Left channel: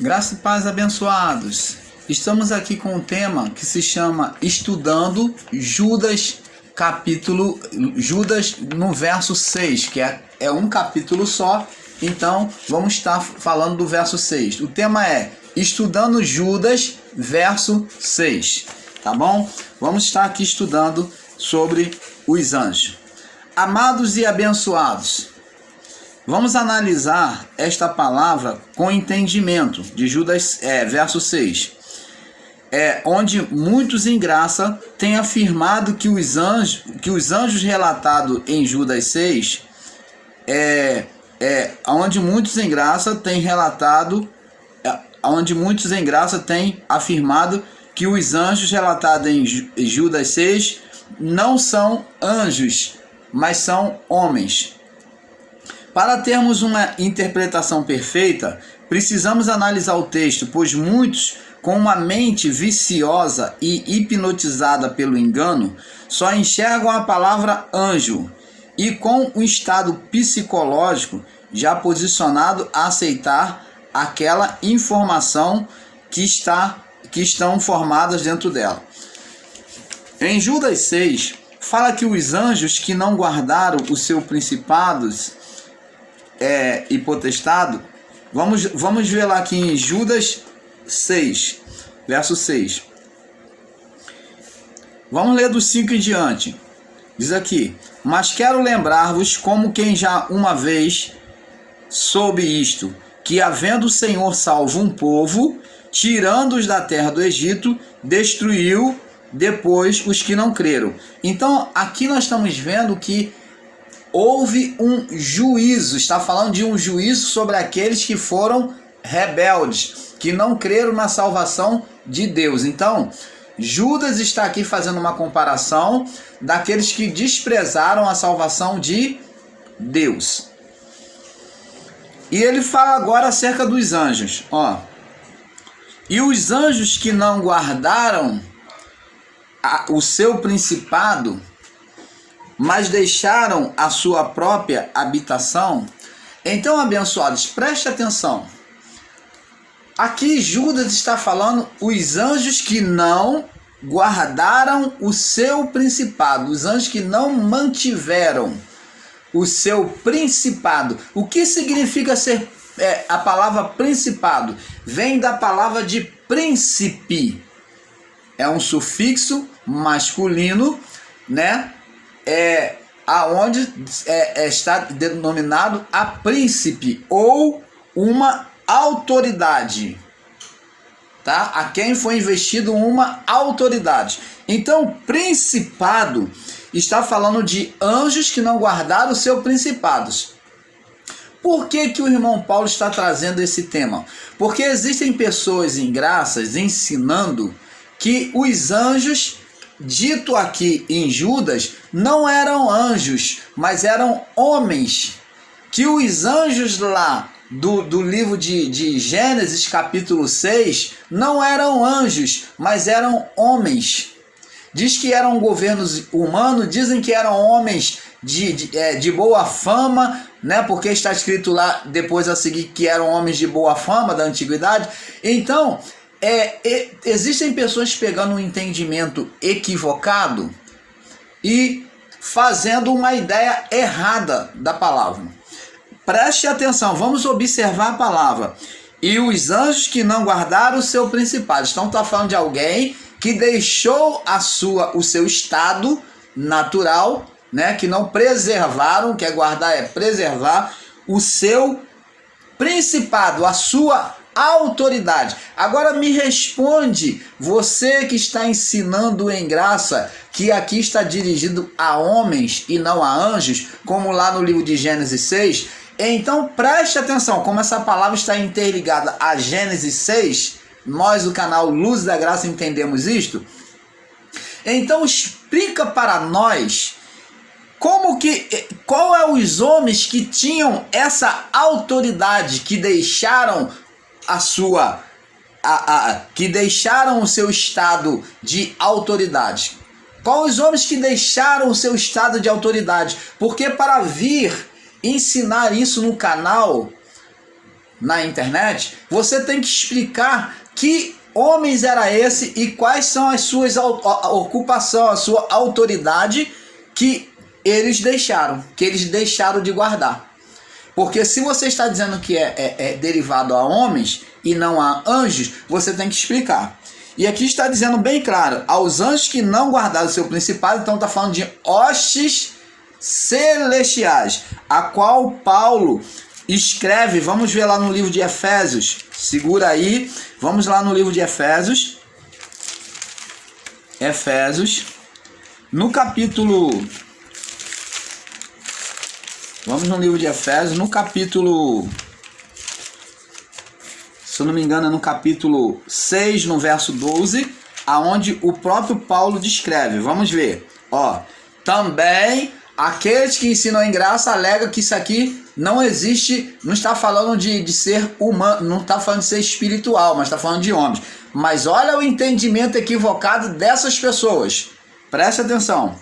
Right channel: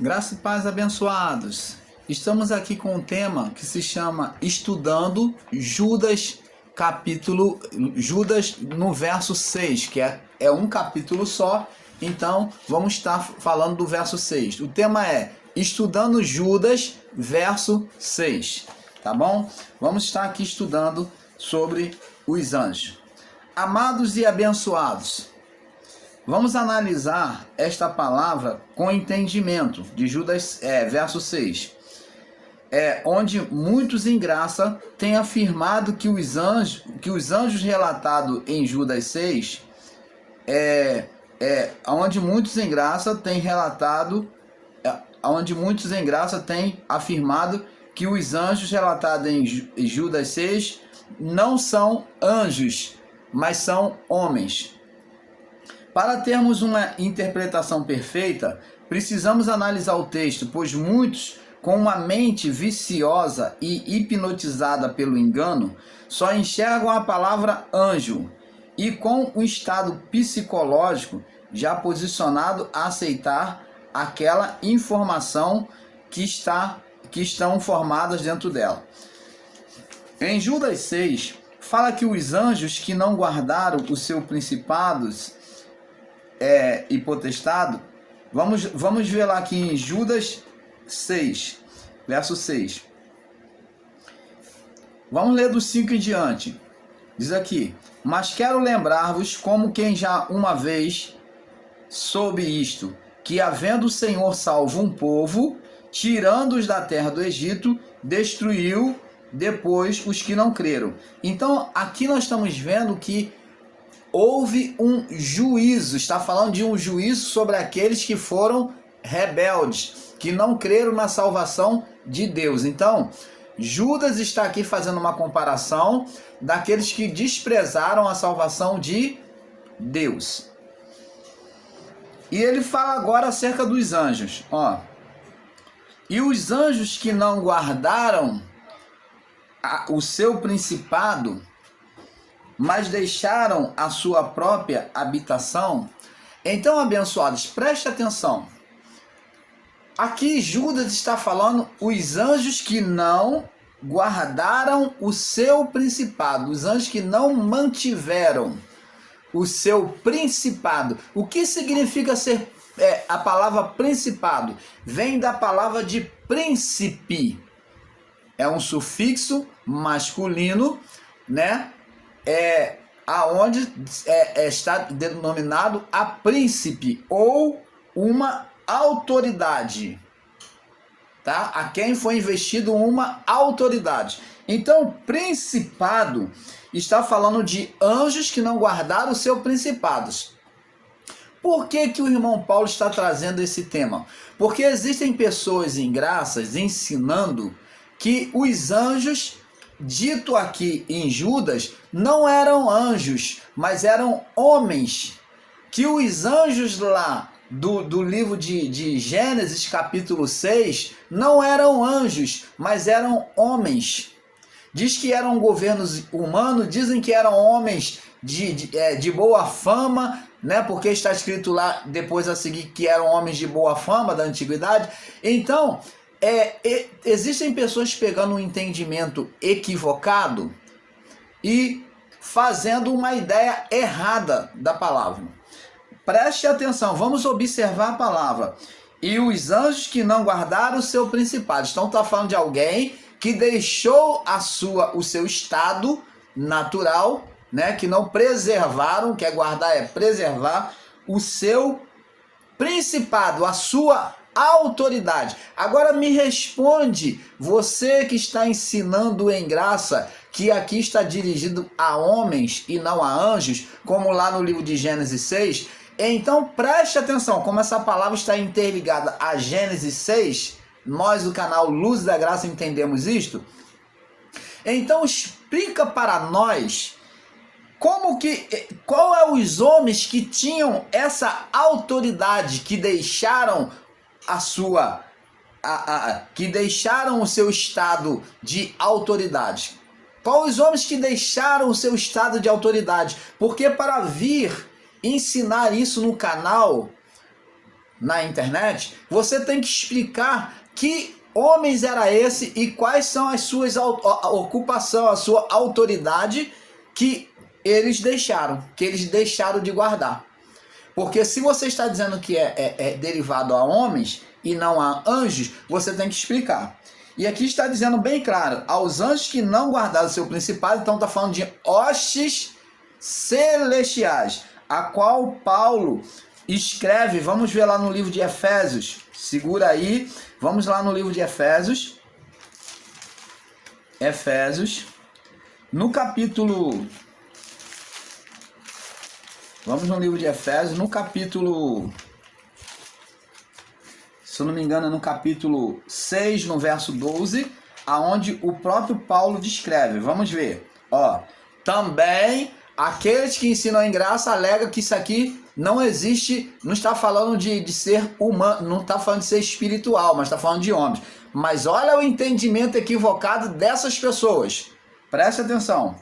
Graça e paz, abençoados. Estamos aqui com um tema que se chama Estudando Judas, Judas no verso 6, que é um capítulo só, então vamos estar falando do verso 6. O tema é Estudando Judas, verso 6, tá bom? Vamos estar aqui estudando sobre os anjos. Amados e abençoados, vamos analisar esta palavra com entendimento de Judas, verso 6. Onde muitos em graça têm afirmado que os anjos relatados em Judas 6, onde muitos em graça têm afirmado que os anjos relatados em Judas 6 não são anjos, mas são homens. Para termos uma interpretação perfeita, precisamos analisar o texto, pois muitos, com uma mente viciosa e hipnotizada pelo engano, só enxergam a palavra anjo e com um estado psicológico já posicionado a aceitar aquela informação que estão formadas dentro dela. Em Judas 6, fala que os anjos que não guardaram os seus principados e potestado, vamos ver lá aqui em Judas 6, verso 6. Vamos ler do 5 em diante. Diz aqui: mas quero lembrar-vos, como quem já uma vez soube isto, que havendo o Senhor salvo um povo, tirando-os da terra do Egito, destruiu depois os que não creram. Então aqui nós estamos vendo que houve um juízo, está falando de um juízo sobre aqueles que foram rebeldes, que não creram na salvação de Deus. Então, Judas está aqui fazendo uma comparação daqueles que desprezaram a salvação de Deus. E ele fala agora acerca dos anjos. E os anjos que não guardaram o seu principado, mas deixaram a sua própria habitação. Então, abençoados, preste atenção. Aqui Judas está falando os anjos que não guardaram o seu principado, os anjos que não mantiveram o seu principado. O que significa ser a palavra principado? Vem da palavra de príncipe. É um sufixo masculino, né? Aonde está denominado a príncipe ou uma autoridade, tá? A quem foi investido uma autoridade. Então, principado está falando de anjos que não guardaram os seus principados. Por que o irmão Paulo está trazendo esse tema? Porque existem pessoas ingraças ensinando que os anjos, dito aqui em Judas, não eram anjos, mas eram homens. Que os anjos lá do livro de Gênesis, capítulo 6, não eram anjos, mas eram homens. Diz que eram governos humanos, dizem que eram homens de boa fama, né? Porque está escrito lá depois a seguir que eram homens de boa fama da antiguidade. Então, existem pessoas pegando um entendimento equivocado e fazendo uma ideia errada da palavra. Preste atenção, vamos observar a palavra. E os anjos que não guardaram o seu principado. Então está falando de alguém que deixou o seu estado natural, né? Que não preservaram, que é guardar, é preservar o seu principado, a sua autoridade. Agora me responde, você que está ensinando em graça, que aqui está dirigido a homens e não a anjos, como lá no livro de Gênesis 6. Então preste atenção, como essa palavra está interligada a Gênesis 6, nós do canal Luz da Graça entendemos isto. Então explica para nós qual é os homens que tinham essa autoridade, que deixaram que deixaram o seu estado de autoridade. Quais os homens que deixaram o seu estado de autoridade? Porque para vir ensinar isso no canal, na internet, você tem que explicar que homens era esse e quais são as suas ocupações, a sua autoridade que eles deixaram de guardar. Porque se você está dizendo que é derivado a homens e não a anjos, você tem que explicar. E aqui está dizendo bem claro, aos anjos que não guardaram o seu principado, então está falando de hostes celestiais, a qual Paulo escreve, vamos ver lá no livro de Efésios, segura aí, vamos lá no livro de Efésios, no capítulo, vamos no livro de Efésios, no capítulo, se eu não me engano é no capítulo 6, no verso 12, aonde o próprio Paulo descreve, vamos ver, ó, também aqueles que ensinam em graça alegam que isso aqui não existe, não está falando de ser humano, não está falando de ser espiritual, mas está falando de homens. Mas olha o entendimento equivocado dessas pessoas. Preste atenção.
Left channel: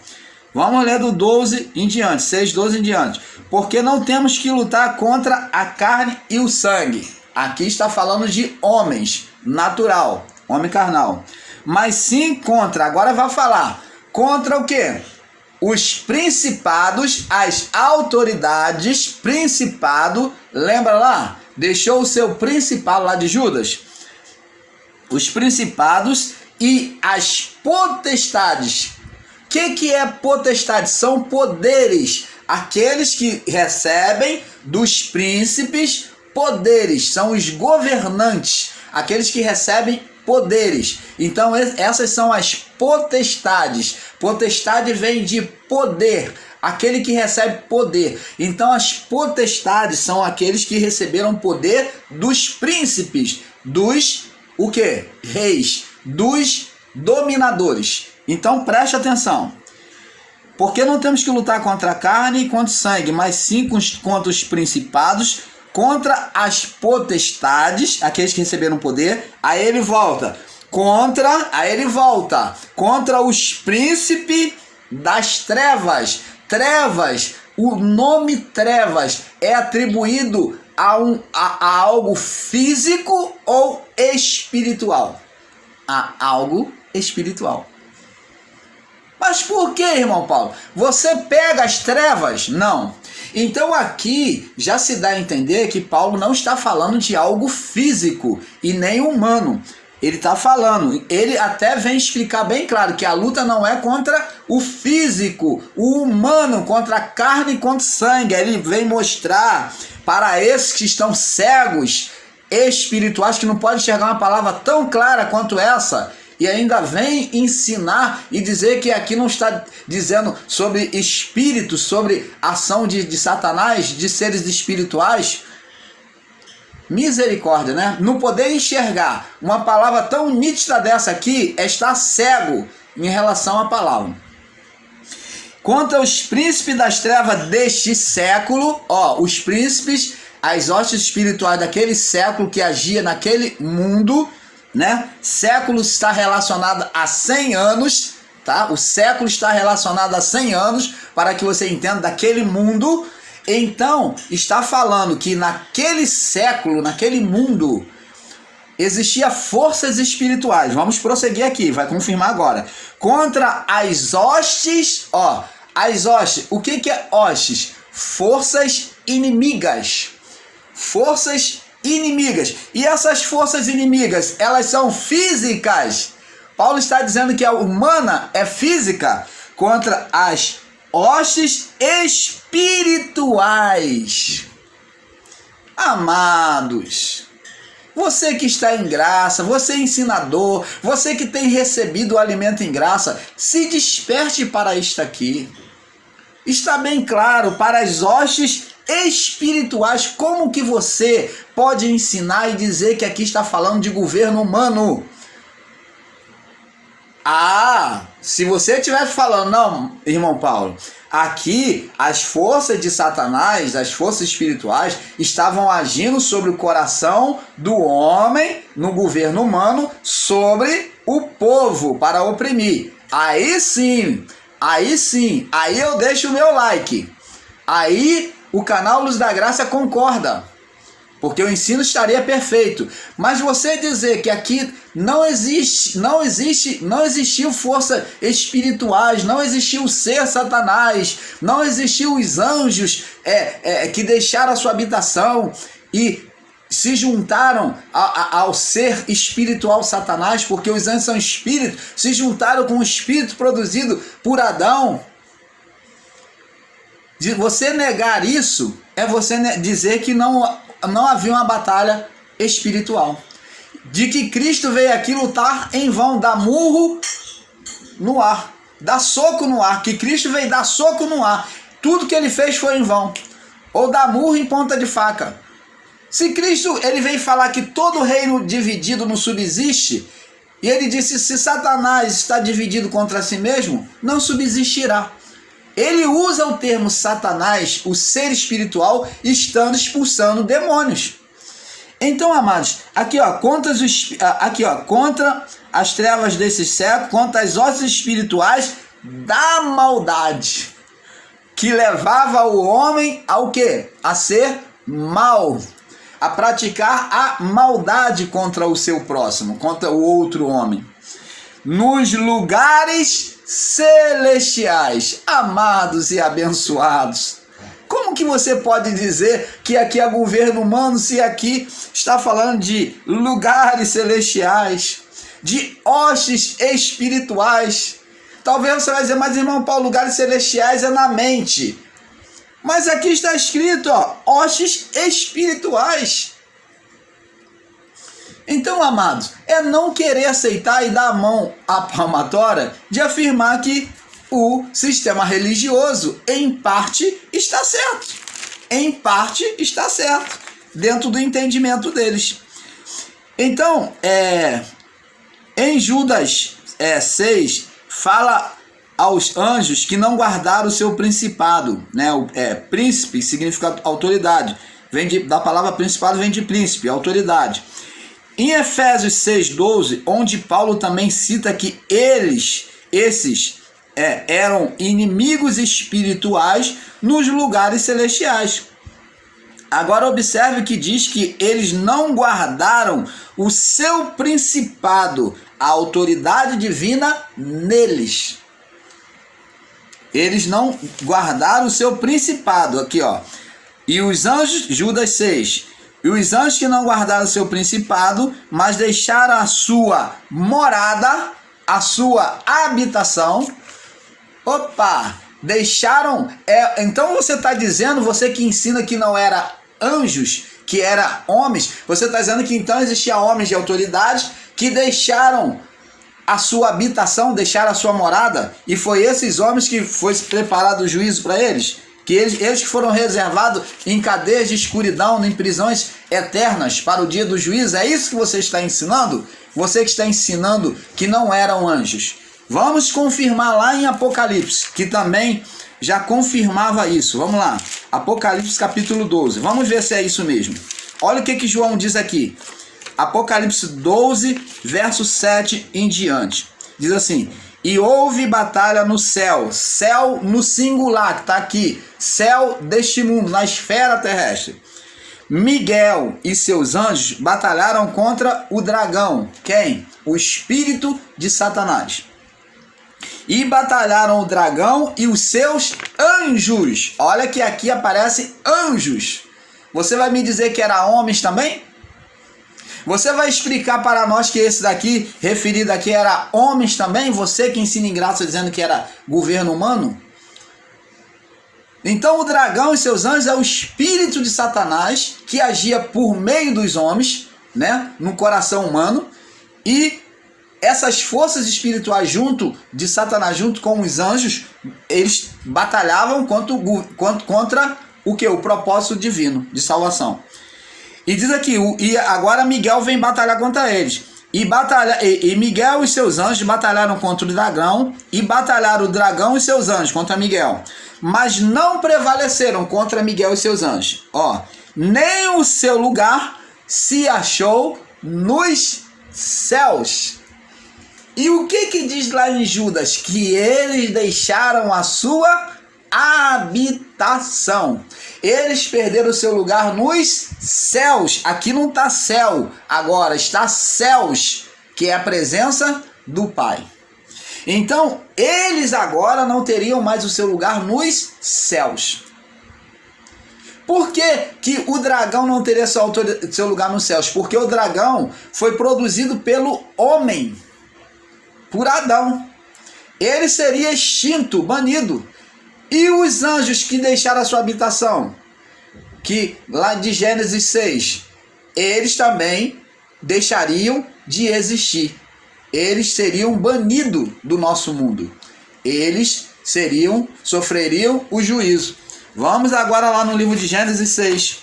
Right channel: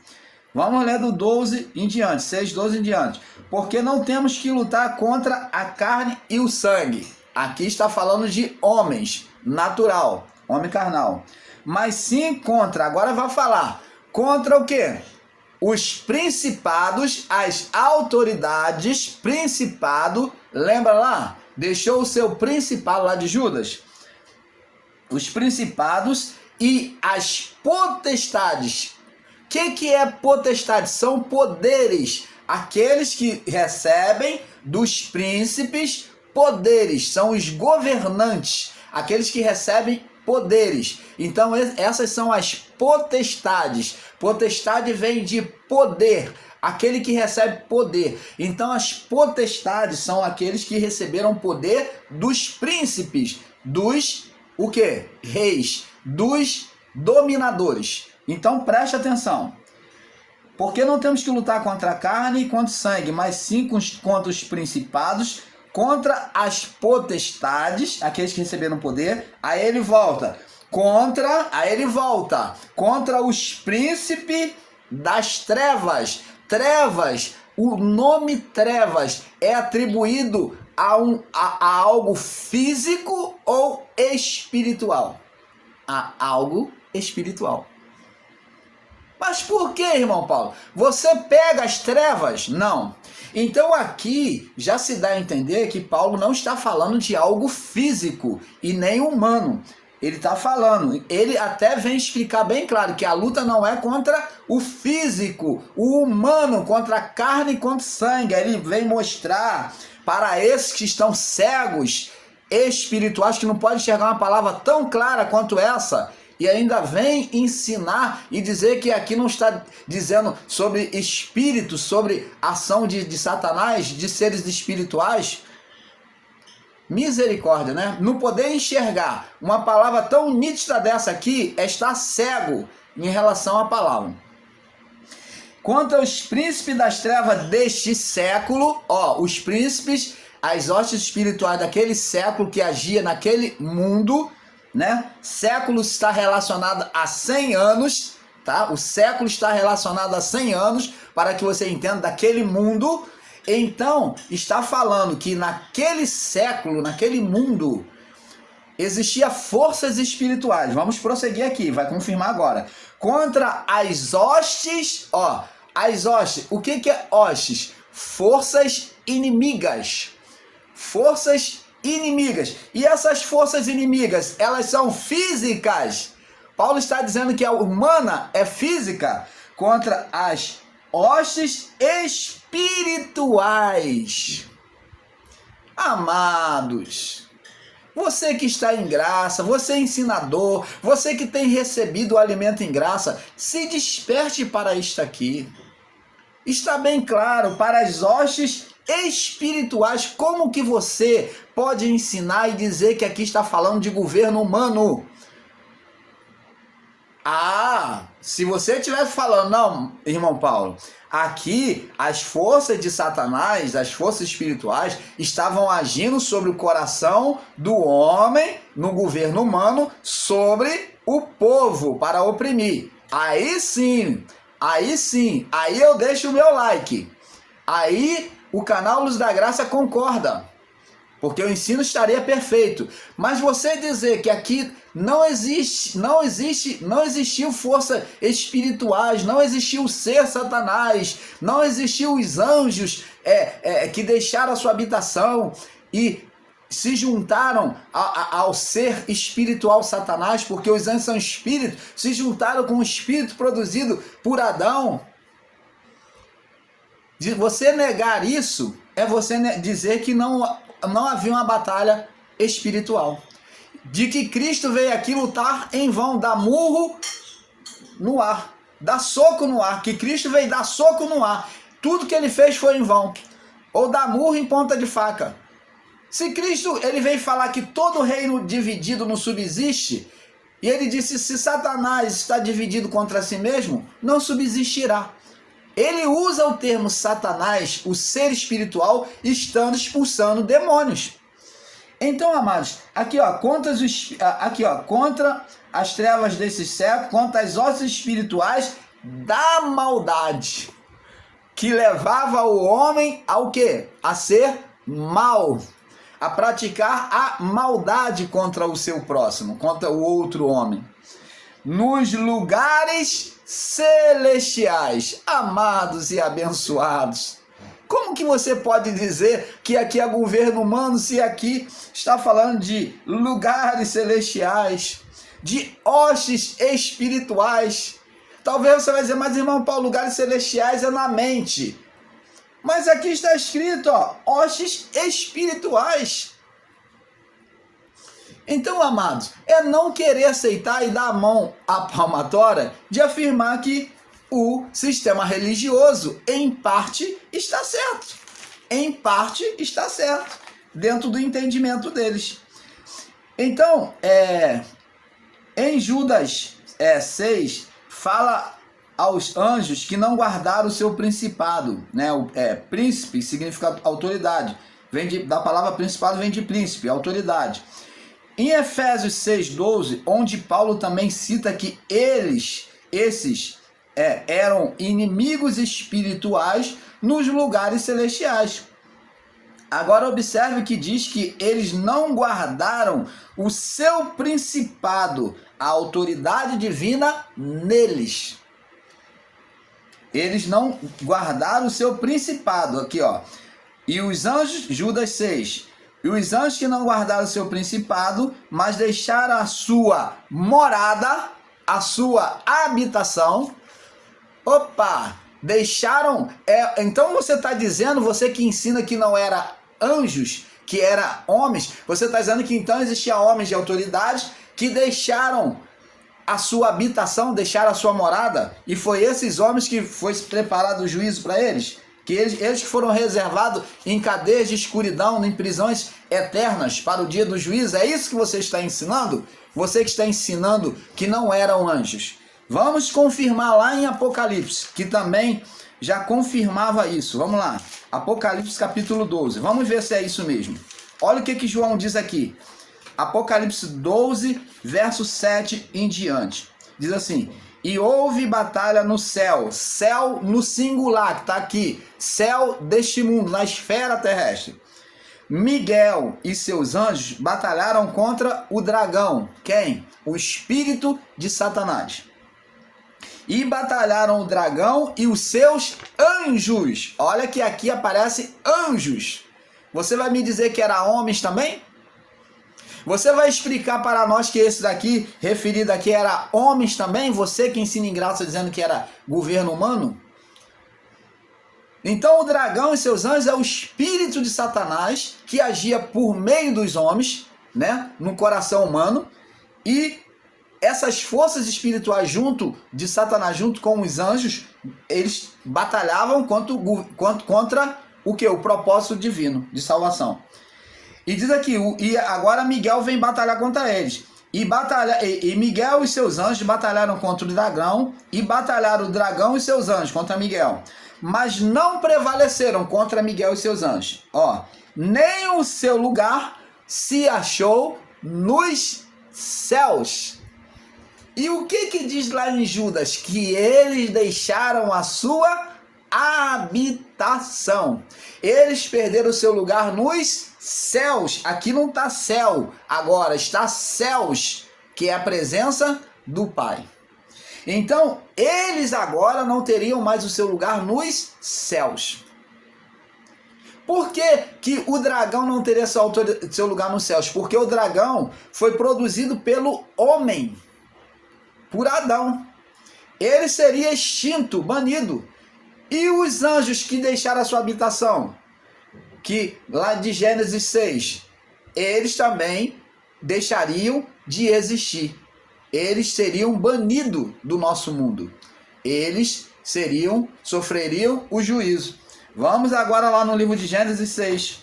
Vamos ler do 12 em diante, 6, 12 em diante. Porque não temos que lutar contra a carne e o sangue. Aqui está falando de homens, natural, homem carnal. Mas sim contra, agora vai falar, contra o quê? Os principados, as autoridades, principado, lembra lá? Deixou o seu principado lá de Judas? Os principados e as potestades. O que é potestade? São poderes. Aqueles que recebem dos príncipes poderes. São os governantes. Aqueles que recebem poderes. Então essas são as potestades. Potestade vem de poder, aquele que recebe poder. Então as potestades são aqueles que receberam poder dos príncipes, dos o quê? Reis, dos dominadores. Então preste atenção. Porque não temos que lutar contra a carne e contra o sangue, mas sim contra os principados, contra as potestades, aqueles que receberam poder. Aí ele volta contra os príncipes das trevas. Trevas, o nome trevas é atribuído a algo físico ou espiritual? A algo espiritual. Mas por que, irmão Paulo? Você pega as trevas? Não. Então aqui já se dá a entender que Paulo não está falando de algo físico e nem humano. Ele está falando, ele até vem explicar bem claro que a luta não é contra o físico, o humano, contra a carne e contra o sangue. Ele vem mostrar para esses que estão cegos, espirituais, que não podem enxergar uma palavra tão clara quanto essa, e ainda vem ensinar e dizer que aqui não está dizendo sobre espíritos, sobre ação de Satanás, de seres espirituais. Misericórdia, né? Não poder enxergar uma palavra tão nítida dessa aqui é estar cego em relação à palavra. Quanto aos príncipes das trevas deste século, ó, os príncipes, as hostes espirituais daquele século que agia naquele mundo, né? Século está relacionado a 100 anos, tá? O século está relacionado a 100 anos, para que você entenda daquele mundo. Então, está falando que naquele século, naquele mundo, existia forças espirituais. Vamos prosseguir aqui, vai confirmar agora. Contra as hostes, ó, as hostes. O que é hostes? Forças inimigas. Forças inimigas. E essas forças inimigas, elas são físicas. Paulo está dizendo que a humana é física contra as hostes espirituais. Amados, você que está em graça, você é ensinador, você que tem recebido o alimento em graça, se desperte para isto aqui. Está bem claro, para as hostes espirituais, como que você pode ensinar e dizer que aqui está falando de governo humano? Ah, se você estivesse falando, não, irmão Paulo, aqui as forças de Satanás, as forças espirituais, estavam agindo sobre o coração do homem, no governo humano, sobre o povo, para oprimir. Aí sim, aí eu deixo o meu like. Aí o canal Luz da Graça concorda. porque o ensino estaria perfeito. Mas você dizer que aqui não existiu força espirituais, não existiu o ser Satanás, não existiu os anjos que deixaram a sua habitação e se juntaram ao ser espiritual Satanás, porque os anjos são espíritos, se juntaram com o espírito produzido por Adão. De você negar isso é você dizer que não havia uma batalha espiritual. De que Cristo veio aqui lutar em vão, dar murro no ar, dar soco no ar, que Cristo veio dar soco no ar. Tudo que ele fez foi em vão. Ou dar murro em ponta de faca. Se Cristo ele veio falar que todo reino dividido não subsiste, e ele disse, se Satanás está dividido contra si mesmo, não subsistirá. Ele usa o termo Satanás, o ser espiritual, estando expulsando demônios. Então, amados, contra as trevas desse século, contra as hostes espirituais da maldade, que levava o homem ao quê? A ser mau, a praticar a maldade contra o seu próximo, contra o outro homem. Nos lugares celestiais, amados e abençoados. Como que você pode dizer que aqui é governo humano se aqui está falando de lugares celestiais, de hostes espirituais? Talvez você vai dizer, mas irmão Paulo, lugares celestiais é na mente. Mas aqui está escrito, hostes espirituais. Então, amados, é não querer aceitar e dar a mão à palmatória de afirmar que o sistema religioso, em parte, está certo. Em parte, está certo, dentro do entendimento deles. Então, em Judas 6, fala aos anjos que não guardaram o seu principado, né? Príncipe significa autoridade, da palavra principado vem de príncipe, autoridade. Em Efésios 6,12, onde Paulo também cita que esses eram inimigos espirituais nos lugares celestiais. Agora observe que diz que eles não guardaram o seu principado, a autoridade divina neles. Eles não guardaram o seu principado, aqui E os anjos, Judas 6, e os anjos que não guardaram o seu principado, mas deixaram a sua morada, a sua habitação. Deixaram. Então você está dizendo, você que ensina que não era anjos, que era homens, você está dizendo que então existia homens de autoridade que deixaram a sua habitação, deixaram a sua morada, e foi esses homens que foi preparado o juízo para eles? Que eles que foram reservados em cadeias de escuridão, em prisões eternas para o dia do juízo? É isso que você está ensinando? Você que está ensinando que não eram anjos. Vamos confirmar lá em Apocalipse, que também já confirmava isso. Vamos lá, Apocalipse capítulo 12. Vamos ver se é isso mesmo. Olha o que João diz aqui. Apocalipse 12, verso 7 em diante. Diz assim: e houve batalha no céu, céu no singular, que está aqui, céu deste mundo, na esfera terrestre. Miguel e seus anjos batalharam contra o dragão. Quem? O espírito de Satanás. E batalharam o dragão e os seus anjos. Olha que aqui aparece anjos. Você vai me dizer que era homens também? Você vai explicar para nós que esse daqui, referido aqui, era homens também? Você que ensina em graça dizendo que era governo humano? Então o dragão e seus anjos é o espírito de Satanás que agia por meio dos homens, né, no coração humano, e essas forças espirituais junto de Satanás, junto com os anjos, eles batalhavam contra o que? O propósito divino de salvação. E diz aqui, e agora Miguel vem batalhar contra eles. E Miguel e seus anjos batalharam contra o dragão, e batalharam o dragão e seus anjos contra Miguel. Mas não prevaleceram contra Miguel e seus anjos. Nem o seu lugar se achou nos céus. E o que diz lá em Judas? Que eles deixaram a sua habitação. Eles perderam o seu lugar nos céus. Aqui não está céu, agora está céus, que é a presença do Pai. Então, eles agora não teriam mais o seu lugar nos céus. Por que que o dragão não teria seu lugar nos céus? Porque o dragão foi produzido pelo homem, por Adão. Ele seria extinto, banido. E os anjos que deixaram a sua habitação? Que lá de Gênesis 6, eles também deixariam de existir. Eles seriam banidos do nosso mundo. Eles sofreriam o juízo. Vamos agora lá no livro de Gênesis 6.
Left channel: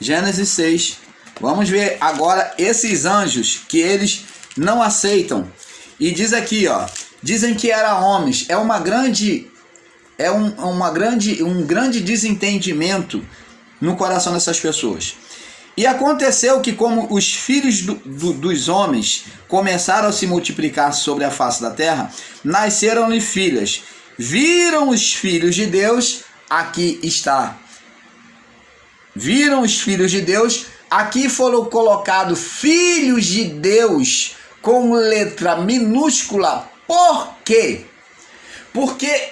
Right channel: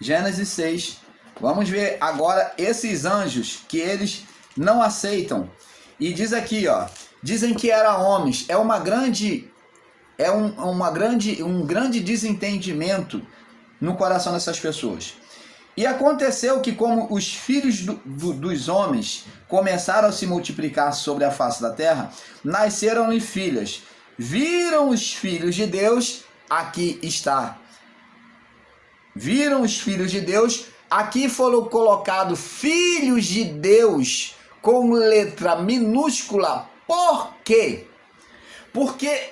Gênesis 6. Vamos ver agora esses anjos que eles não aceitam. E diz aqui, ó, dizem que eram homens. É um grande desentendimento no coração dessas pessoas. E aconteceu que, como os filhos dos homens começaram a se multiplicar sobre a face da terra, nasceram-lhe filhas. Viram os filhos de Deus, aqui está. Viram os filhos de Deus, aqui foram colocados filhos de Deus com letra minúscula. Por quê? Porque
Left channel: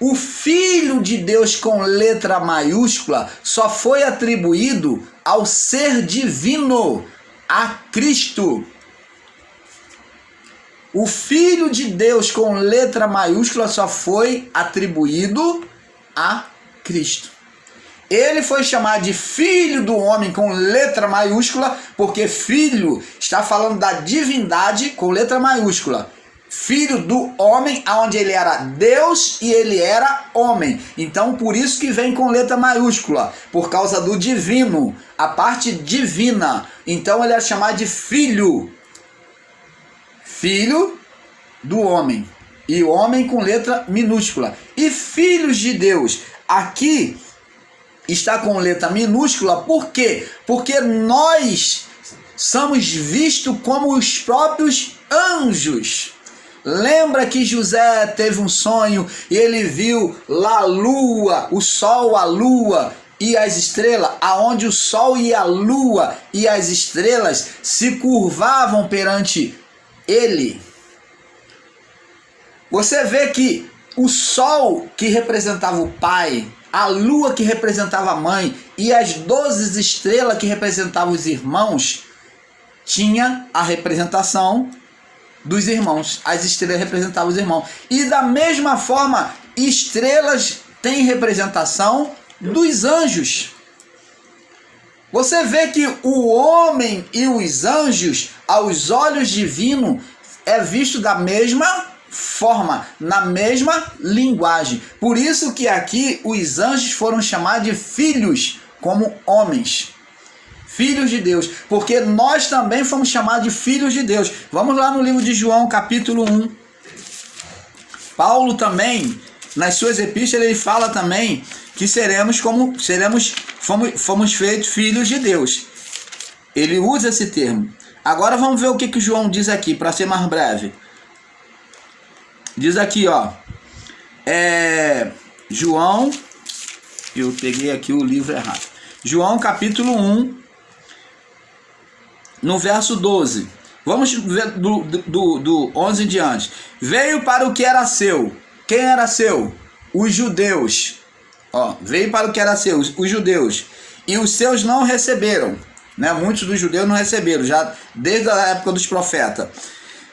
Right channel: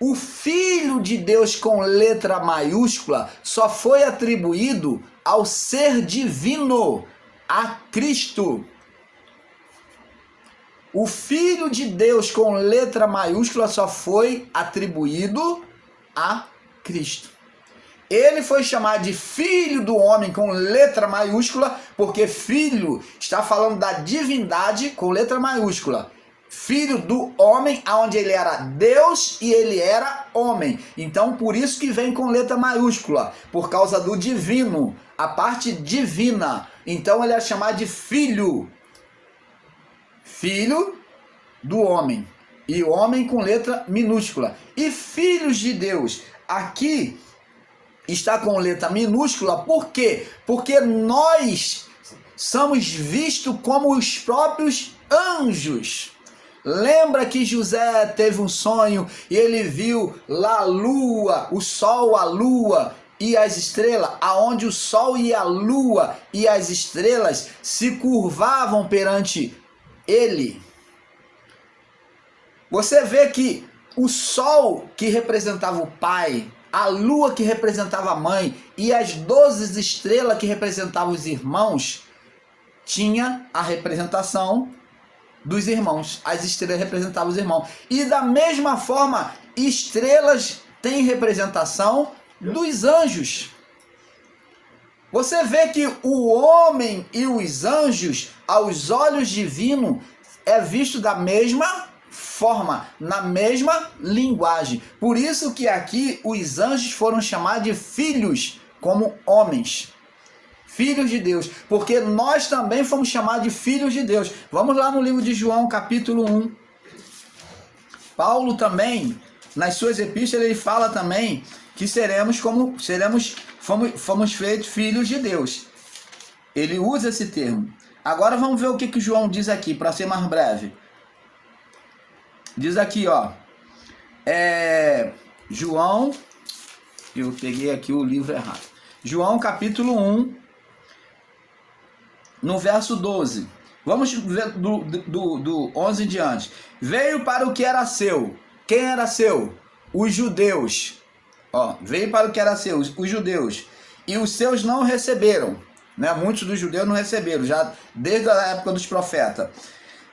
o Filho de Deus com letra maiúscula só foi atribuído ao ser divino, a Cristo. O Filho de Deus com letra maiúscula só foi atribuído a Cristo. Ele foi chamado de Filho do Homem com letra maiúscula, porque filho está falando da divindade com letra maiúscula. Filho do homem, onde ele era Deus e ele era homem. Então, por isso que vem com letra maiúscula, por causa do divino, a parte divina. Então, ele é chamado de filho. Filho do homem. E o homem com letra minúscula. E filhos de Deus. Aqui está com letra minúscula, por quê? Porque nós somos vistos como os próprios anjos. Lembra que José teve um sonho e ele viu lá a lua, o sol, a lua e as estrelas, aonde o sol e a lua e as estrelas se curvavam perante ele. Você vê que o sol que representava o pai, a lua que representava a mãe e as 12 estrelas que representavam os irmãos, tinha a representação dos irmãos. As estrelas representavam os irmãos. E da mesma forma, estrelas têm representação dos anjos. Você vê que o homem e os anjos, aos olhos divinos, é visto da mesma forma, na mesma linguagem. Por isso que aqui os anjos foram chamados de filhos, como homens. Filhos de Deus, porque nós também fomos chamados de filhos de Deus. Vamos lá no livro de João, capítulo 1. Paulo também, nas suas epístolas, ele fala também que fomos feitos filhos de Deus. Ele usa esse termo. Agora vamos ver o que João diz aqui, para ser mais breve. Diz aqui, ó. João, eu peguei aqui o livro errado. João, capítulo 1. No verso 12, vamos ver do 11 em diante. Veio para o que era seu. Quem era seu? Os judeus. Ó, veio para o que era seu, os judeus. E os seus não receberam. Né? Muitos dos judeus não receberam, já desde a época dos profetas.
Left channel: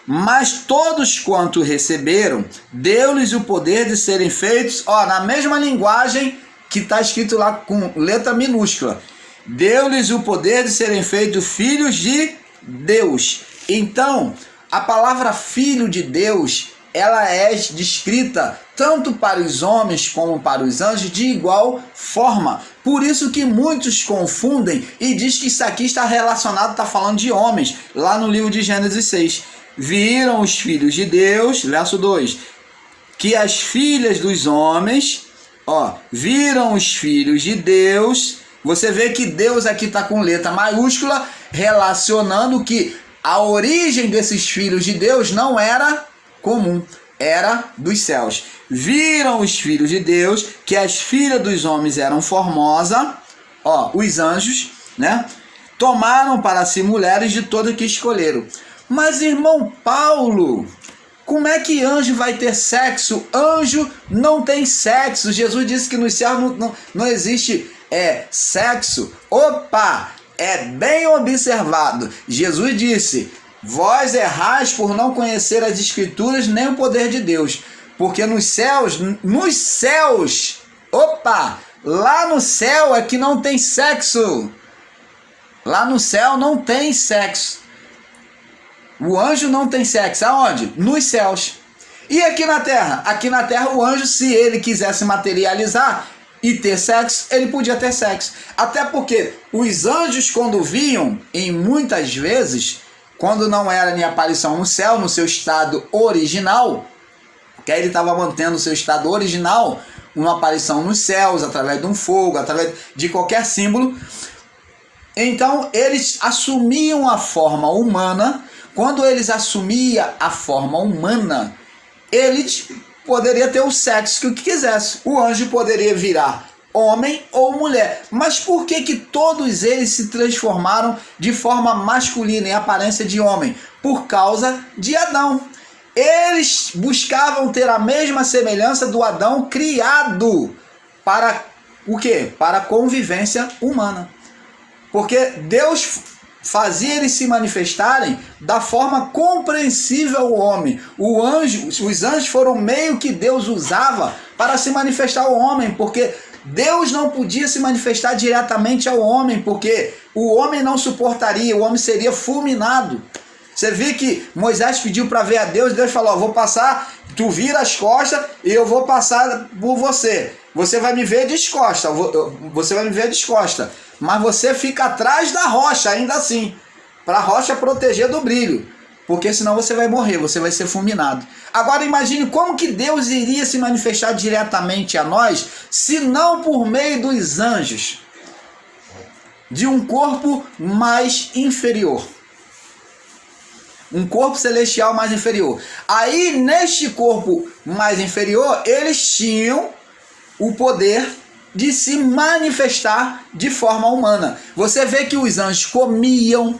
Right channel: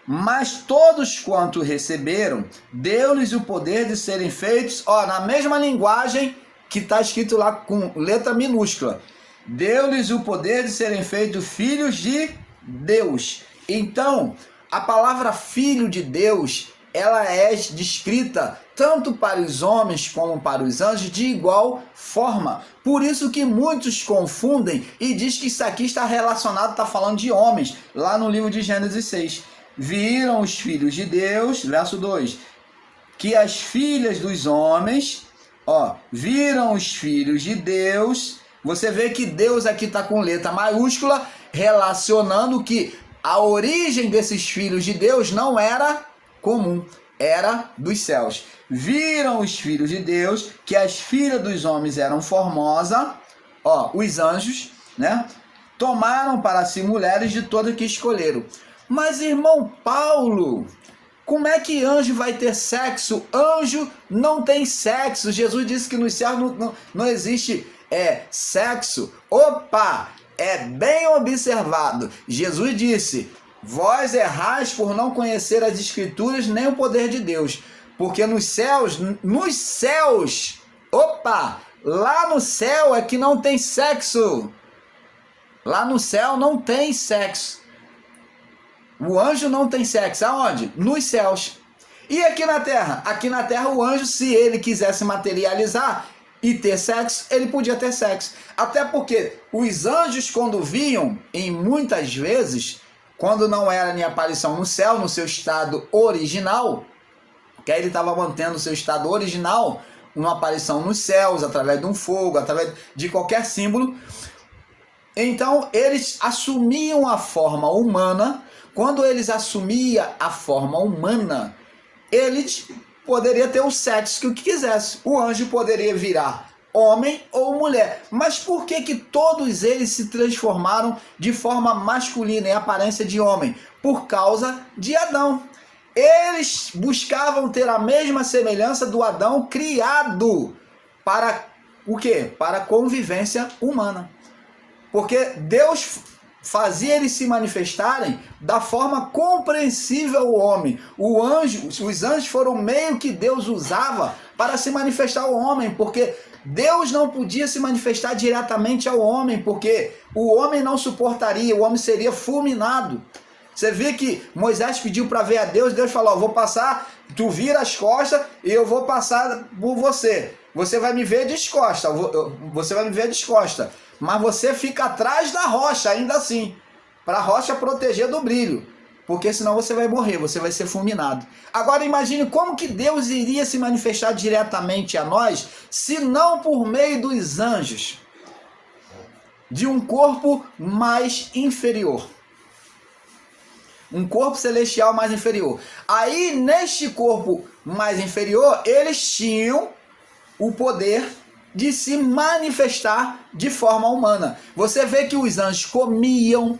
Mas todos quanto receberam, deu-lhes o poder de serem feitos, ó, na mesma linguagem que está escrito lá com letra minúscula. Deu-lhes o poder de serem feitos filhos de Deus. Então, a palavra filho de Deus, ela é descrita tanto para os homens como para os anjos de igual forma. Por isso que muitos confundem e diz que isso aqui está relacionado, está falando de homens, lá no livro de Gênesis 6. Viram os filhos de Deus, verso 2, que as filhas dos homens, ó, viram os filhos de Deus. Você vê que Deus aqui está com letra maiúscula, relacionando que a origem desses filhos de Deus não era comum. era dos céus. Viram os filhos de Deus que as filhas dos homens eram formosas, os anjos, né? Tomaram para si mulheres de todo que escolheram. Mas, irmão Paulo, como é que anjo vai ter sexo? Anjo não tem sexo. Jesus disse que nos céus não existe sexo. Opa! É bem observado. Jesus disse: vós errais por não conhecer as Escrituras nem o poder de Deus. Porque nos céus, lá no céu é que não tem sexo. Lá no céu não tem sexo. O anjo não tem sexo. Aonde? Nos céus. E aqui na terra? Aqui na terra o anjo, se ele quisesse materializar e ter sexo, ele podia ter sexo. Até porque os anjos, quando vinham, em muitas vezes, quando não era nem aparição no céu, no seu estado original, que aí ele estava mantendo o seu estado original, uma aparição nos céus, através de um fogo, através de qualquer símbolo. Então eles assumiam a forma humana. Quando eles assumiam a forma humana, eles poderiam ter o sexo que quisesse. O anjo poderia virar homem ou mulher. Mas por que todos eles se transformaram de forma masculina, em aparência de homem? Por causa de Adão. Eles buscavam ter a mesma semelhança do Adão criado para o quê? Para a convivência humana. Porque Deus fazia eles se manifestarem da forma compreensível ao homem. Os anjos foram o meio que Deus usava para se manifestar ao homem, porque Deus não podia se manifestar diretamente ao homem, porque o homem não suportaria, o homem seria fulminado. Você vê que Moisés pediu para ver a Deus, e Deus falou: vou passar, tu vira as costas e eu vou passar por você. Você vai me ver descosta, mas você fica atrás da rocha, ainda assim, para a rocha proteger do brilho, porque senão você vai morrer, você vai ser fulminado. Agora imagine como que Deus iria se manifestar diretamente a nós, se não por meio dos anjos, de um corpo mais inferior. Um corpo celestial mais inferior. Aí, neste corpo mais inferior, eles tinham o poder de se manifestar de forma humana. Você vê que os anjos comiam,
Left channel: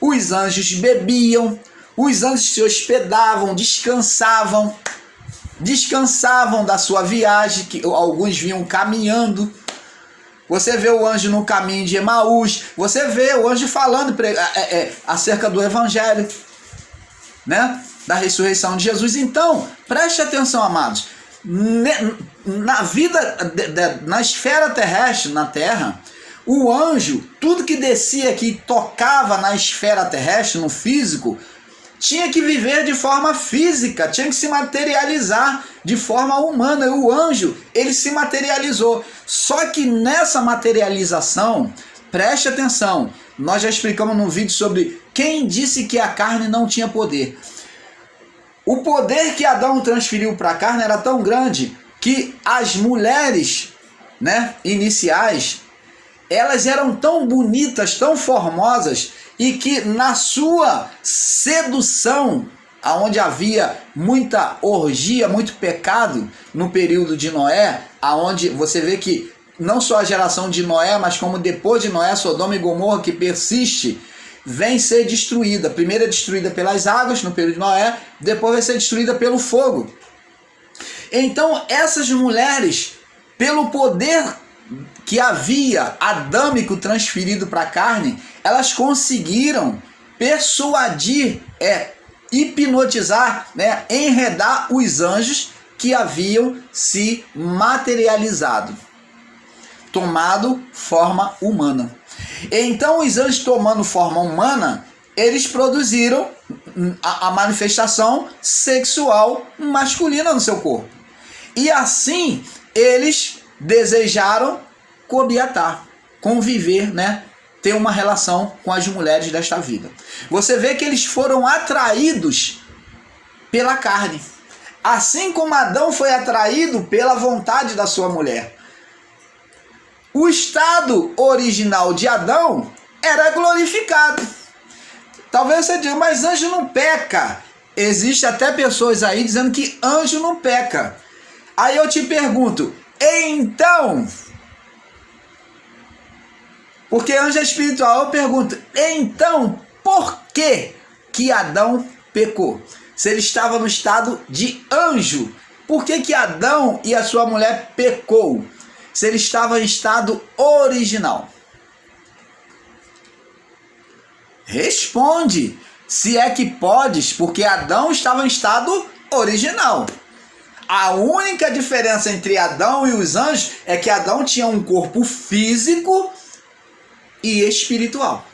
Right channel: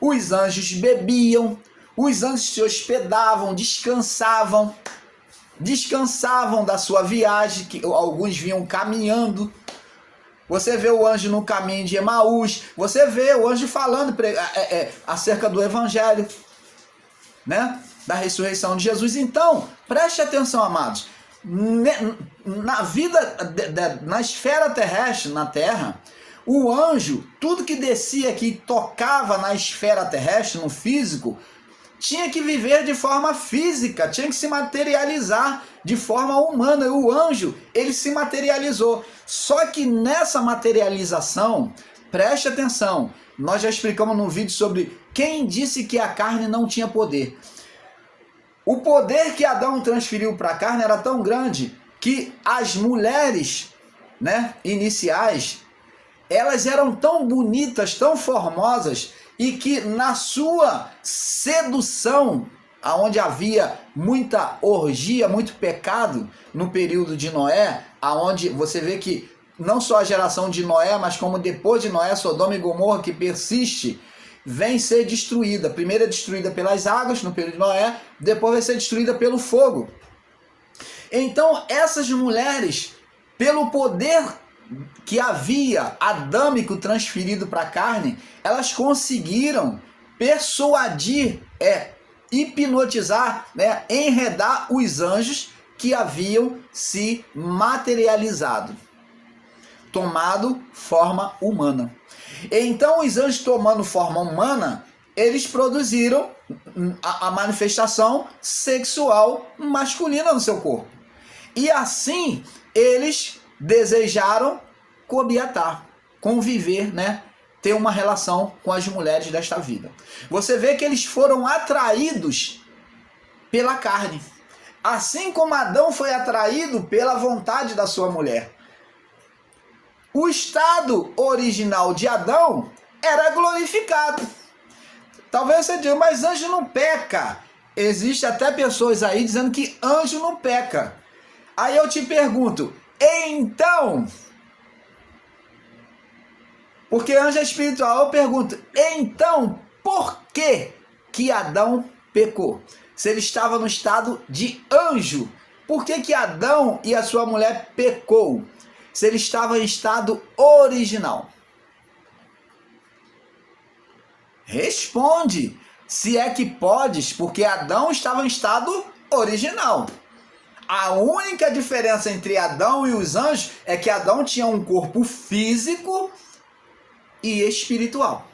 os anjos bebiam, os anjos se hospedavam, descansavam da sua viagem, que alguns vinham caminhando. Você vê o anjo no caminho de Emaús, você vê o anjo falando acerca do evangelho, né? Da ressurreição de Jesus. Então, preste atenção, amados. Na vida, na esfera terrestre, na terra, o anjo, tudo que descia aqui, tocava na esfera terrestre, no físico, tinha que viver de forma física, tinha que se materializar de forma humana. O anjo, ele se materializou. Só que nessa materialização, preste atenção, nós já explicamos num vídeo sobre quem disse que a carne não tinha poder. O poder que Adão transferiu para a carne era tão grande que as mulheres, né, iniciais, elas eram tão bonitas, tão formosas, e que na sua sedução, aonde havia muita orgia, muito pecado no período de Noé, aonde você vê que não só a geração de Noé, mas como depois de Noé, Sodoma e Gomorra, que persiste, vem ser destruída. Primeiro é destruída pelas águas no período de Noé, depois vai ser destruída pelo fogo. Então essas mulheres, pelo poder que havia adâmico transferido para a carne, elas conseguiram persuadir, hipnotizar, enredar os anjos que haviam se materializado, tomado forma humana. Então os anjos, tomando forma humana, eles produziram a manifestação sexual masculina no seu corpo. E assim eles desejaram coabitar, conviver, ter uma relação com as mulheres desta vida. Você vê que eles foram atraídos pela carne, assim como Adão foi atraído pela vontade da sua mulher. O estado original de Adão era glorificado. Talvez você diga, mas anjo não peca. Existe até pessoas aí dizendo que anjo não peca. Aí eu te pergunto, então, porque anjo é espiritual, eu pergunto, então, por que Adão pecou? Se ele estava no estado de anjo, por que Adão e a sua mulher pecou? Se ele estava em estado original? Responde, se é que podes, porque Adão estava em estado original. A única diferença entre Adão e os anjos é que Adão tinha um corpo físico e espiritual.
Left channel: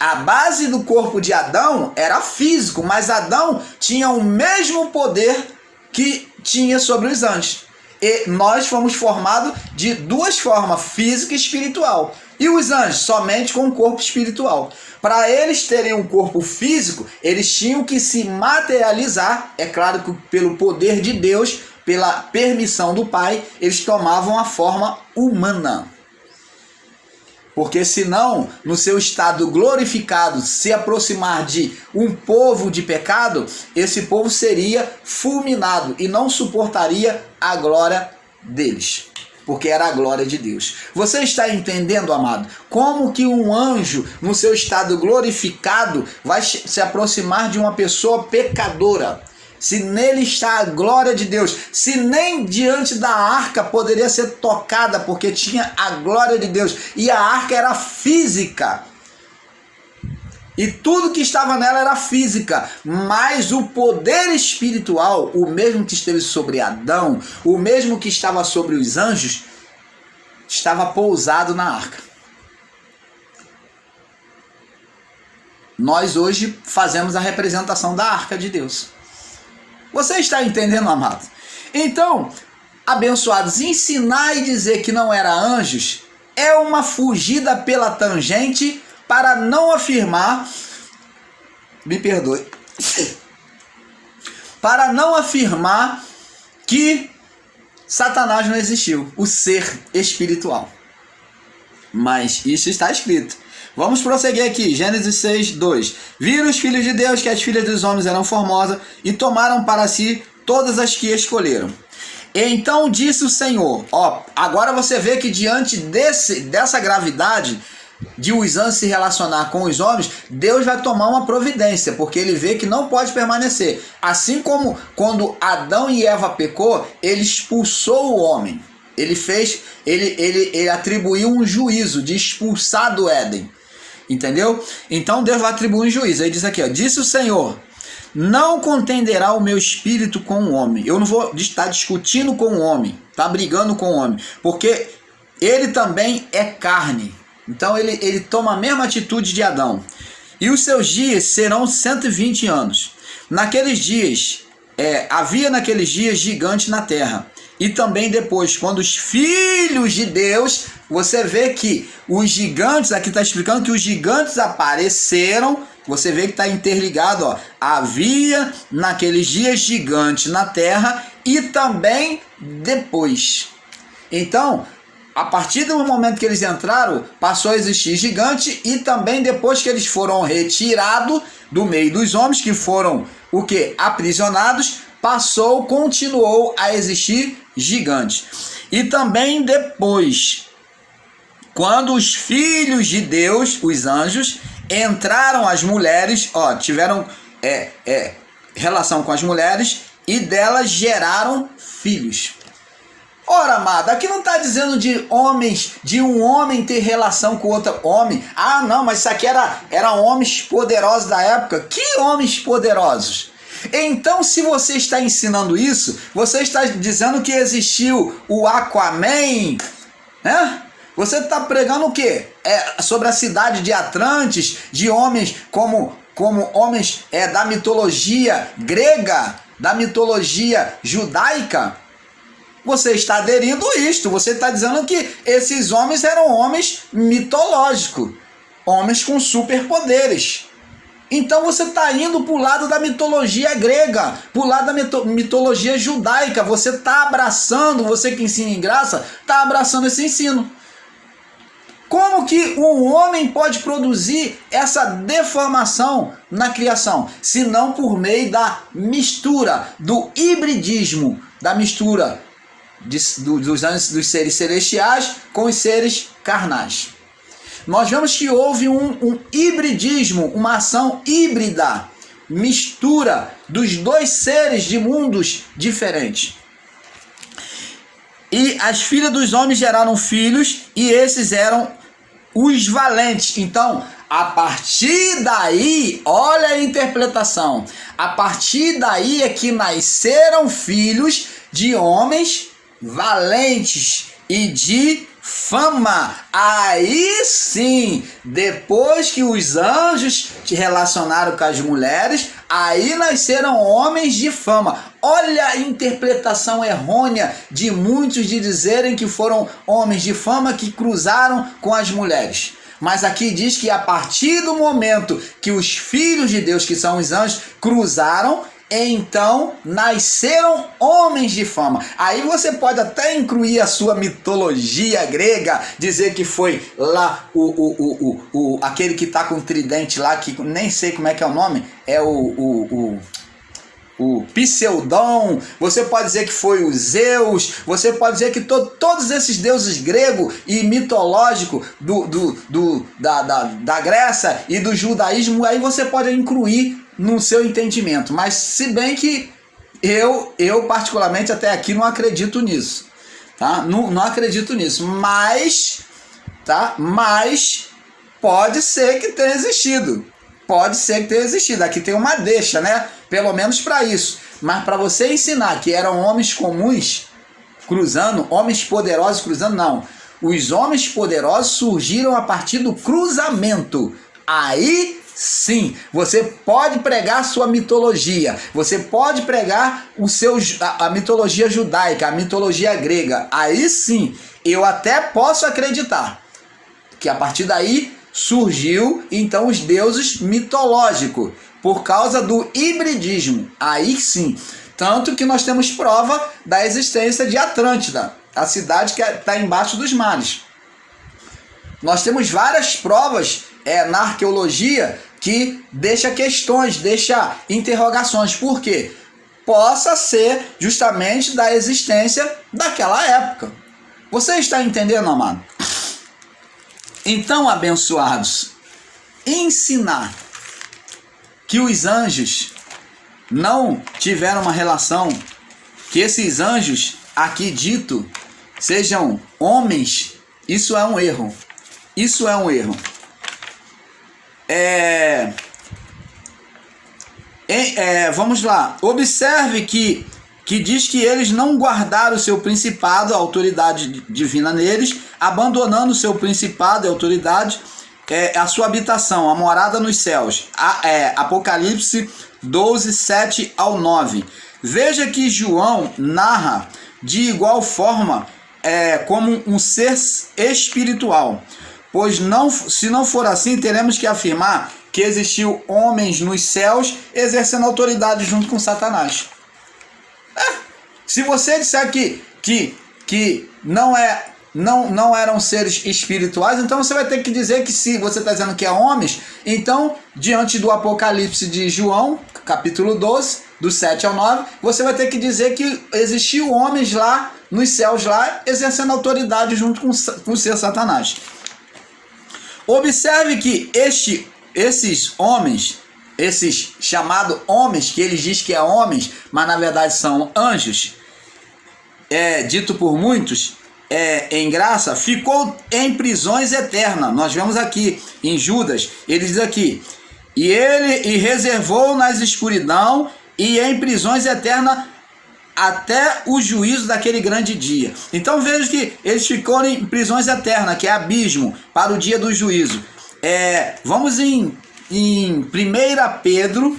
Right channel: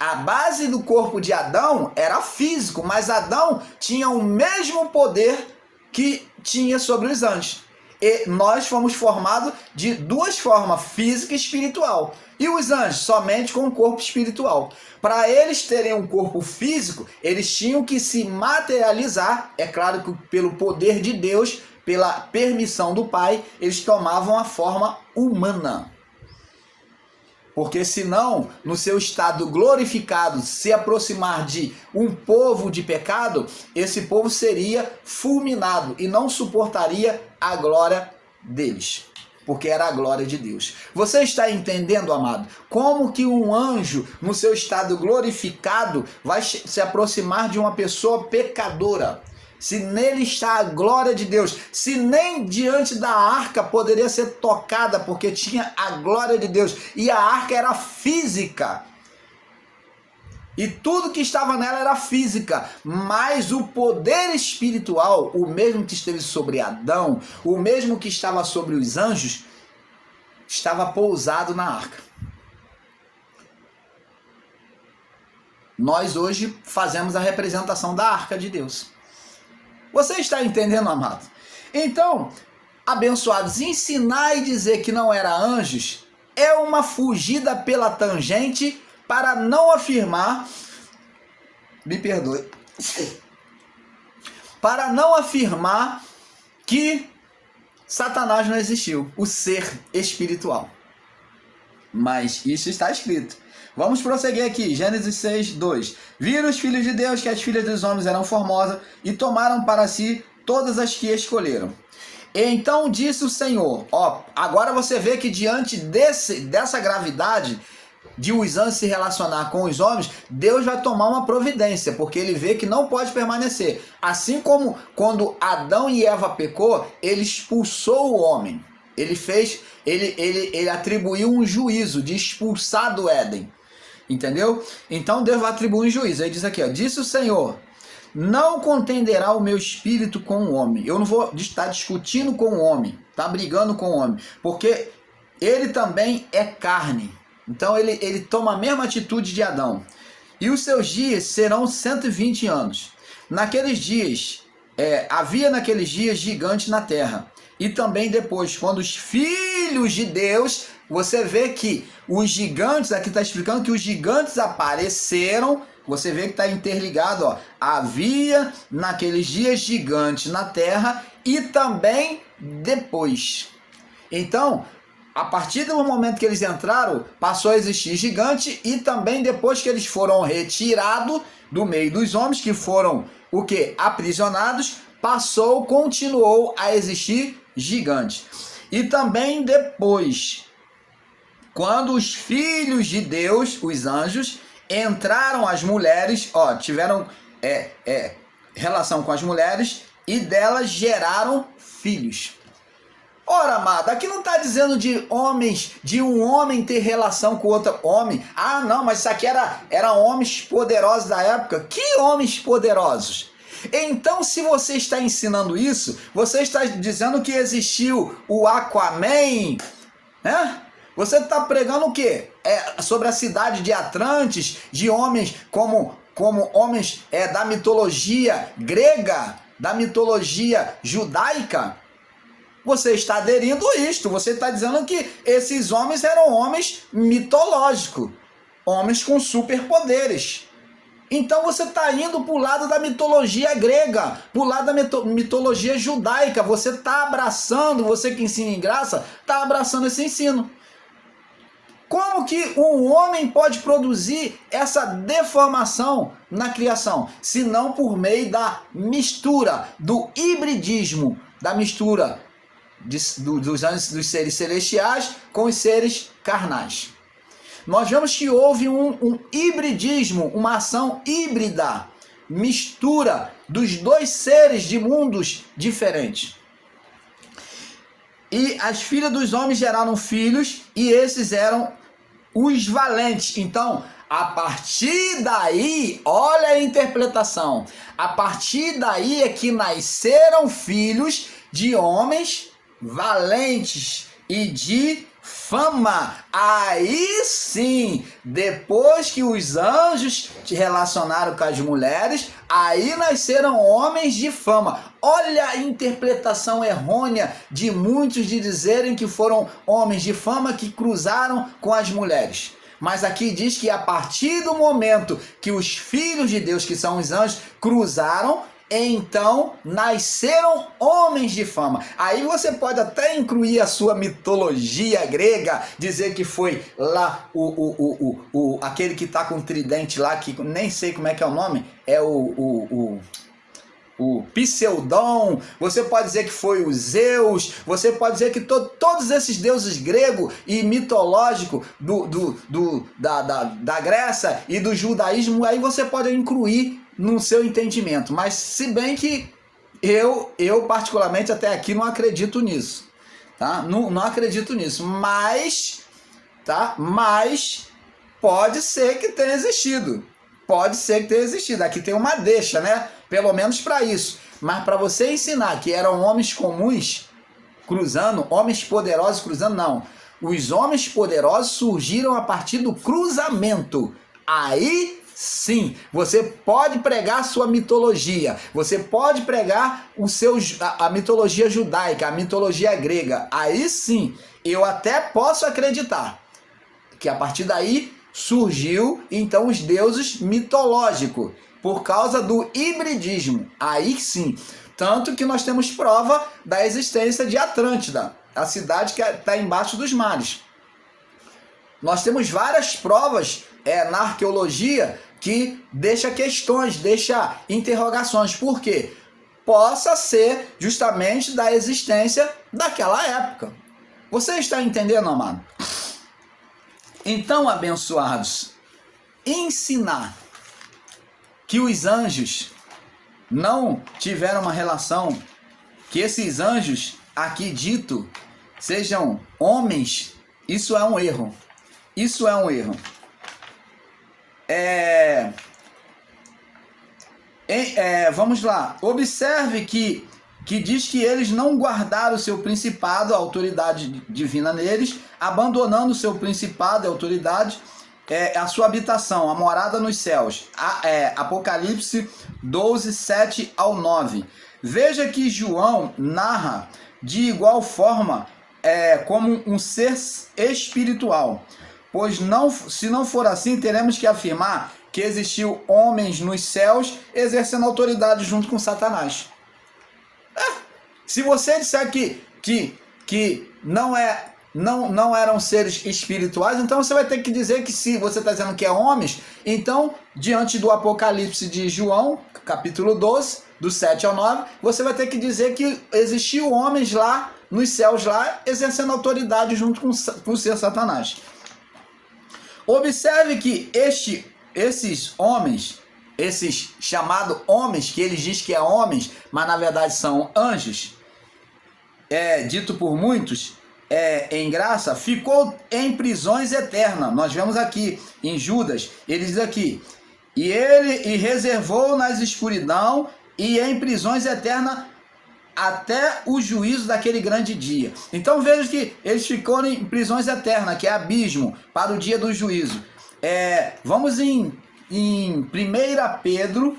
A base do corpo de Adão era físico, mas Adão tinha o mesmo poder que tinha sobre os anjos. E nós fomos formados de duas formas, física e espiritual. E os anjos somente com o corpo espiritual. Para eles terem um corpo físico, eles tinham que se materializar. É claro que pelo poder de Deus, pela permissão do Pai, eles tomavam a forma humana. Porque senão, no seu estado glorificado, se aproximar de um povo de pecado, esse povo seria fulminado e não suportaria a glória deles, porque era a glória de Deus. Você está entendendo, amado? Como que um anjo, no seu estado glorificado, vai se aproximar de uma pessoa pecadora? Se nele está a glória de Deus, se nem diante da arca poderia ser tocada, porque tinha a glória de Deus, e a arca era física, e tudo que estava nela era física, mas o poder espiritual, o mesmo que esteve sobre Adão, o mesmo que estava sobre os anjos, estava pousado na arca. Nós hoje fazemos a representação da arca de Deus. Você está entendendo, amado? Então, abençoados, ensinar e dizer que não era anjos é uma fugida pela tangente para não afirmar, me perdoe, para não afirmar que Satanás não existiu, o ser espiritual. Mas isso está escrito. Vamos prosseguir aqui, Gênesis 6, 2. Viram os filhos de Deus que as filhas dos homens eram formosas e tomaram para si todas as que escolheram. Então disse o Senhor, agora você vê que diante dessa gravidade de os anjos se relacionar com os homens, Deus vai tomar uma providência, porque ele vê que não pode permanecer. Assim como quando Adão e Eva pecou, ele expulsou o homem. Ele atribuiu um juízo de expulsar do Éden. Entendeu? Então Deus vai atribuir um juízo. Ele diz aqui, disse o Senhor, não contenderá o meu espírito com o homem. Eu não vou estar discutindo com o homem, tá brigando com o homem, porque ele também é carne. Então ele toma a mesma atitude de Adão. E os seus dias serão 120 anos. Naqueles dias, havia naqueles dias gigante na terra. E também depois, quando os filhos de Deus, você vê que os gigantes, aqui está explicando que os gigantes apareceram, você vê que está interligado, havia naqueles dias gigante na terra e também depois. Então, a partir do momento que eles entraram, passou a existir gigante e também depois que eles foram retirados do meio dos homens, que foram o quê? Aprisionados, continuou a existir gigante. E também depois, quando os filhos de Deus, os anjos, entraram as mulheres, tiveram relação com as mulheres e delas geraram filhos. Ora, amado, aqui não está dizendo de um homem ter relação com outro homem. Ah, não, mas isso aqui eram homens poderosos da época. Que homens poderosos? Então, se você está ensinando isso, você está dizendo que existiu o Aquaman, né? Você está pregando o quê? Sobre a cidade de Atlantis, de homens como homens da mitologia grega, da mitologia judaica. Você está aderindo a isto, você está dizendo que esses homens eram homens mitológicos, homens com superpoderes. Então você está indo para o lado da mitologia grega, para o lado da mitologia judaica. Você está abraçando, você que ensina em graça, está abraçando esse ensino. Como que um homem pode produzir essa deformação na criação? Se não por meio da mistura, do hibridismo, da mistura dos seres celestiais com os seres carnais. Nós vemos que houve um hibridismo, uma ação híbrida, mistura dos dois seres de mundos diferentes. E as filhas dos homens geraram filhos, e esses eram os valentes. Então, a partir daí, olha a interpretação, a partir daí é que nasceram filhos de homens valentes e de fama. Aí sim, depois que os anjos se relacionaram com as mulheres, aí nasceram homens de fama. Olha a interpretação errônea de muitos de dizerem que foram homens de fama que cruzaram com as mulheres. Mas aqui diz que a partir do momento que os filhos de Deus, que são os anjos, cruzaram, então nasceram homens de fama. Aí você pode até incluir a sua mitologia grega, dizer que foi lá aquele que está com o tridente lá, que nem sei como é que é o nome, é o Pseudon. Você pode dizer que foi o Zeus, você pode dizer que todos esses deuses grego e mitológico da Grécia e do judaísmo, aí você pode incluir no seu entendimento. Mas se bem que eu particularmente até aqui não acredito nisso, tá? Não acredito nisso, mas pode ser que tenha existido. Pode ser que tenha existido. Aqui tem uma deixa, né? Pelo menos para isso. Mas para você ensinar que eram homens comuns cruzando, homens poderosos cruzando, não. Os homens poderosos surgiram a partir do cruzamento. Aí sim, você pode pregar a sua mitologia. Você pode pregar a mitologia judaica, a mitologia grega. Aí sim, eu até posso acreditar que a partir daí surgiu então os deuses mitológicos, por causa do hibridismo. Aí sim, tanto que nós temos prova da existência de Atlântida, a cidade que está embaixo dos mares. Nós temos várias provas na arqueologia que deixa questões, deixa interrogações. Por quê? Possa ser justamente da existência daquela época. Você está entendendo, amado? Então, abençoados, ensinar que os anjos não tiveram uma relação, que esses anjos aqui dito sejam homens, isso é um erro. Isso é um erro. Vamos lá. Observe que diz que eles não guardaram o seu principado, a autoridade divina neles, abandonando o seu principado e autoridade, a sua habitação, a morada nos céus. Apocalipse 12, 7 ao 9. Veja que João narra de igual forma como um ser espiritual. Pois se não for assim, teremos que afirmar que existiu homens nos céus exercendo autoridade junto com Satanás. Se você disser que não eram seres espirituais, então você vai ter que dizer que, se você está dizendo que é homens, então, diante do Apocalipse de João, capítulo 12, do 7 ao 9, você vai ter que dizer que existiu homens lá, nos céus lá, exercendo autoridade junto com o ser Satanás. Observe que esses homens, esses chamados homens, que eles dizem que é homens, mas na verdade são anjos, dito por muitos, em graça, ficou em prisões eternas. Nós vemos aqui em Judas, ele diz aqui, e reservou nas escuridão e em prisões eternas até o juízo daquele grande dia. Então veja que eles ficaram em prisões eternas, que é abismo, para o dia do juízo. Vamos em 1 Pedro,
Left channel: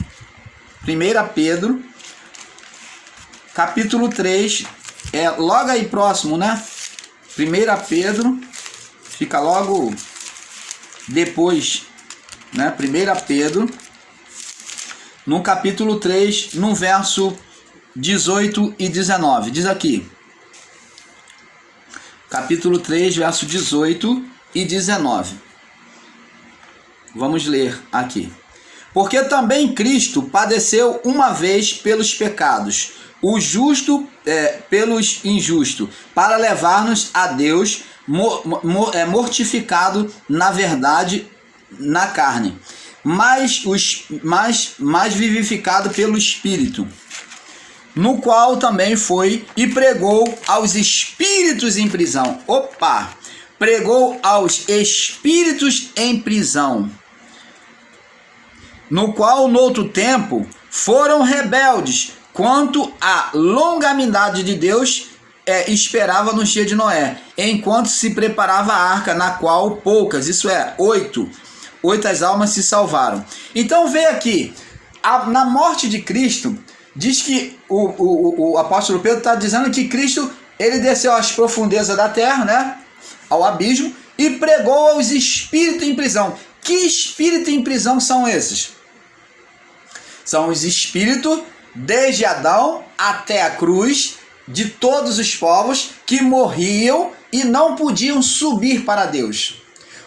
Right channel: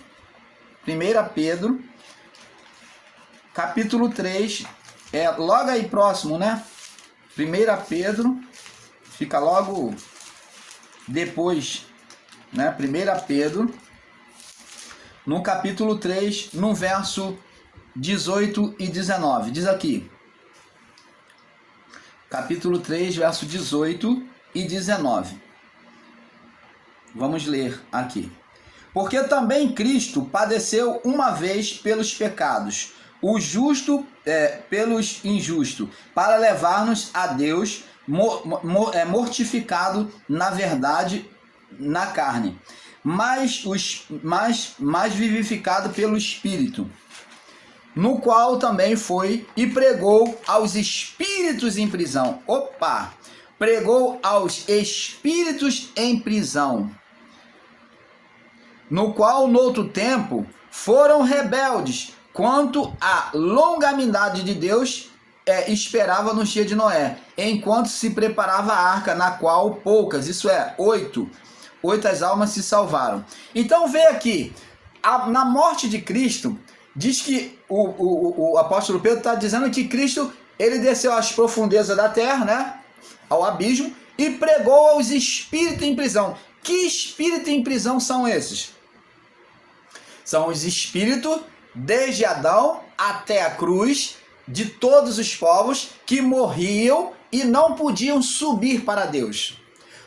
capítulo 3, logo aí próximo, né? 1 Pedro, fica logo depois, né? 1 Pedro, no capítulo 3, no verso 18 e 19, diz aqui, capítulo 3, verso 18 e 19. Vamos ler aqui. Porque também Cristo padeceu uma vez pelos pecados, o justo pelos injustos, para levar-nos a Deus, mortificado na verdade na carne, mas vivificado pelo Espírito, no qual também foi e pregou aos espíritos em prisão. Pregou aos espíritos em prisão, no qual, no outro tempo, foram rebeldes quanto à longanimidade de Deus esperava no dia de Noé, enquanto se preparava a arca, na qual poucas, isso é, 8 almas se salvaram. Então vê aqui, na morte de Cristo, diz que o apóstolo Pedro está dizendo que Cristo, ele desceu às profundezas da terra, né, ao abismo, e pregou aos espíritos em prisão. Que espíritos em prisão são esses? São os espíritos, desde Adão até a cruz, de todos os povos que morriam e não podiam subir para Deus.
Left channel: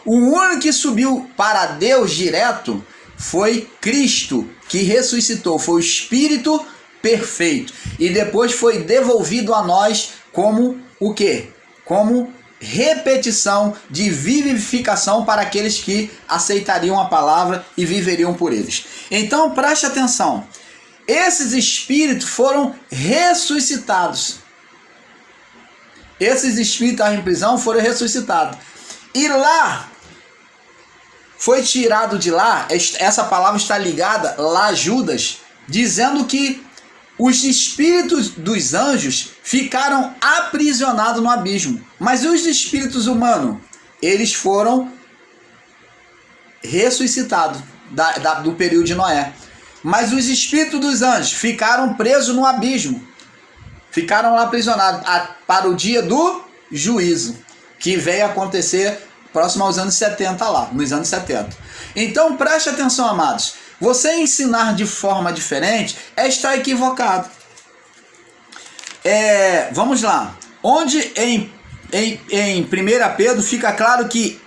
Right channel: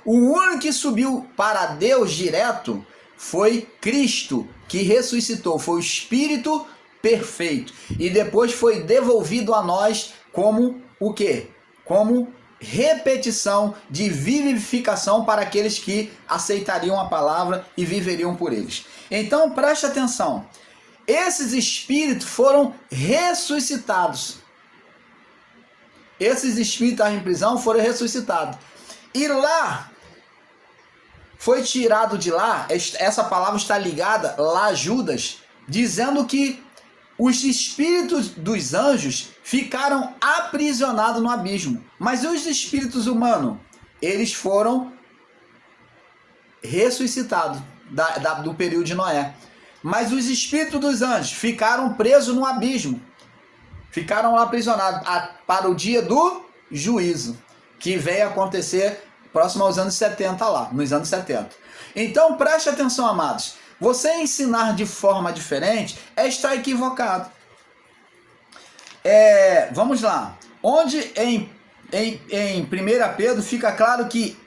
O único que subiu para Deus direto foi Cristo, que ressuscitou, foi o Espírito perfeito. E depois foi devolvido a nós como o quê? Como repetição de vivificação para aqueles que aceitariam a palavra e viveriam por eles. Então preste atenção, esses espíritos foram ressuscitados. Esses espíritos em prisão foram ressuscitados. E lá, foi tirado de lá, essa palavra está ligada lá a Judas, dizendo que os espíritos dos anjos ficaram aprisionados no abismo. Mas os espíritos humanos, eles foram ressuscitados do período de Noé. Mas os espíritos dos anjos ficaram presos no abismo. Ficaram lá aprisionados para o dia do juízo, que veio acontecer próximo aos anos 70 lá, nos anos 70. Então preste atenção, amados. Você ensinar de forma diferente é estar equivocado. Vamos lá. Onde em 1 Pedro fica claro que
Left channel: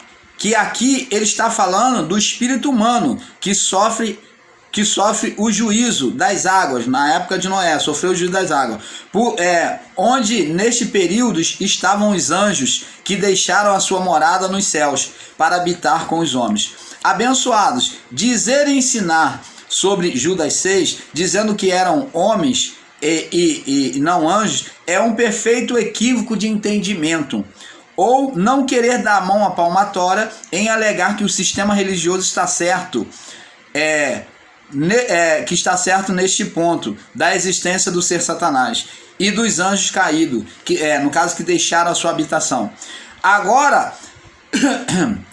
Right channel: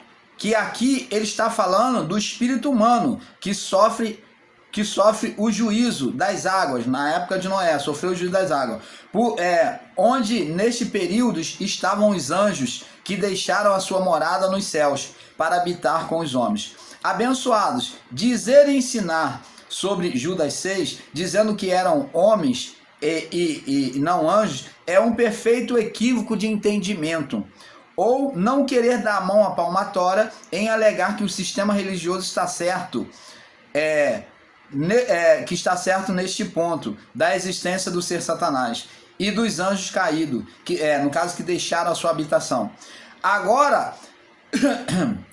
aqui ele está falando do espírito humano que sofre o juízo das águas, na época de Noé, sofreu o juízo das águas. Onde neste período estavam os anjos que deixaram a sua morada nos céus para habitar com os homens. Abençoados, dizer e ensinar sobre Judas 6, dizendo que eram homens e não anjos, é um perfeito equívoco de entendimento. Ou não querer dar a mão à palmatória em alegar que o sistema religioso está certo, que está certo neste ponto da existência do ser Satanás e dos anjos caídos, no caso que deixaram a sua habitação. Agora,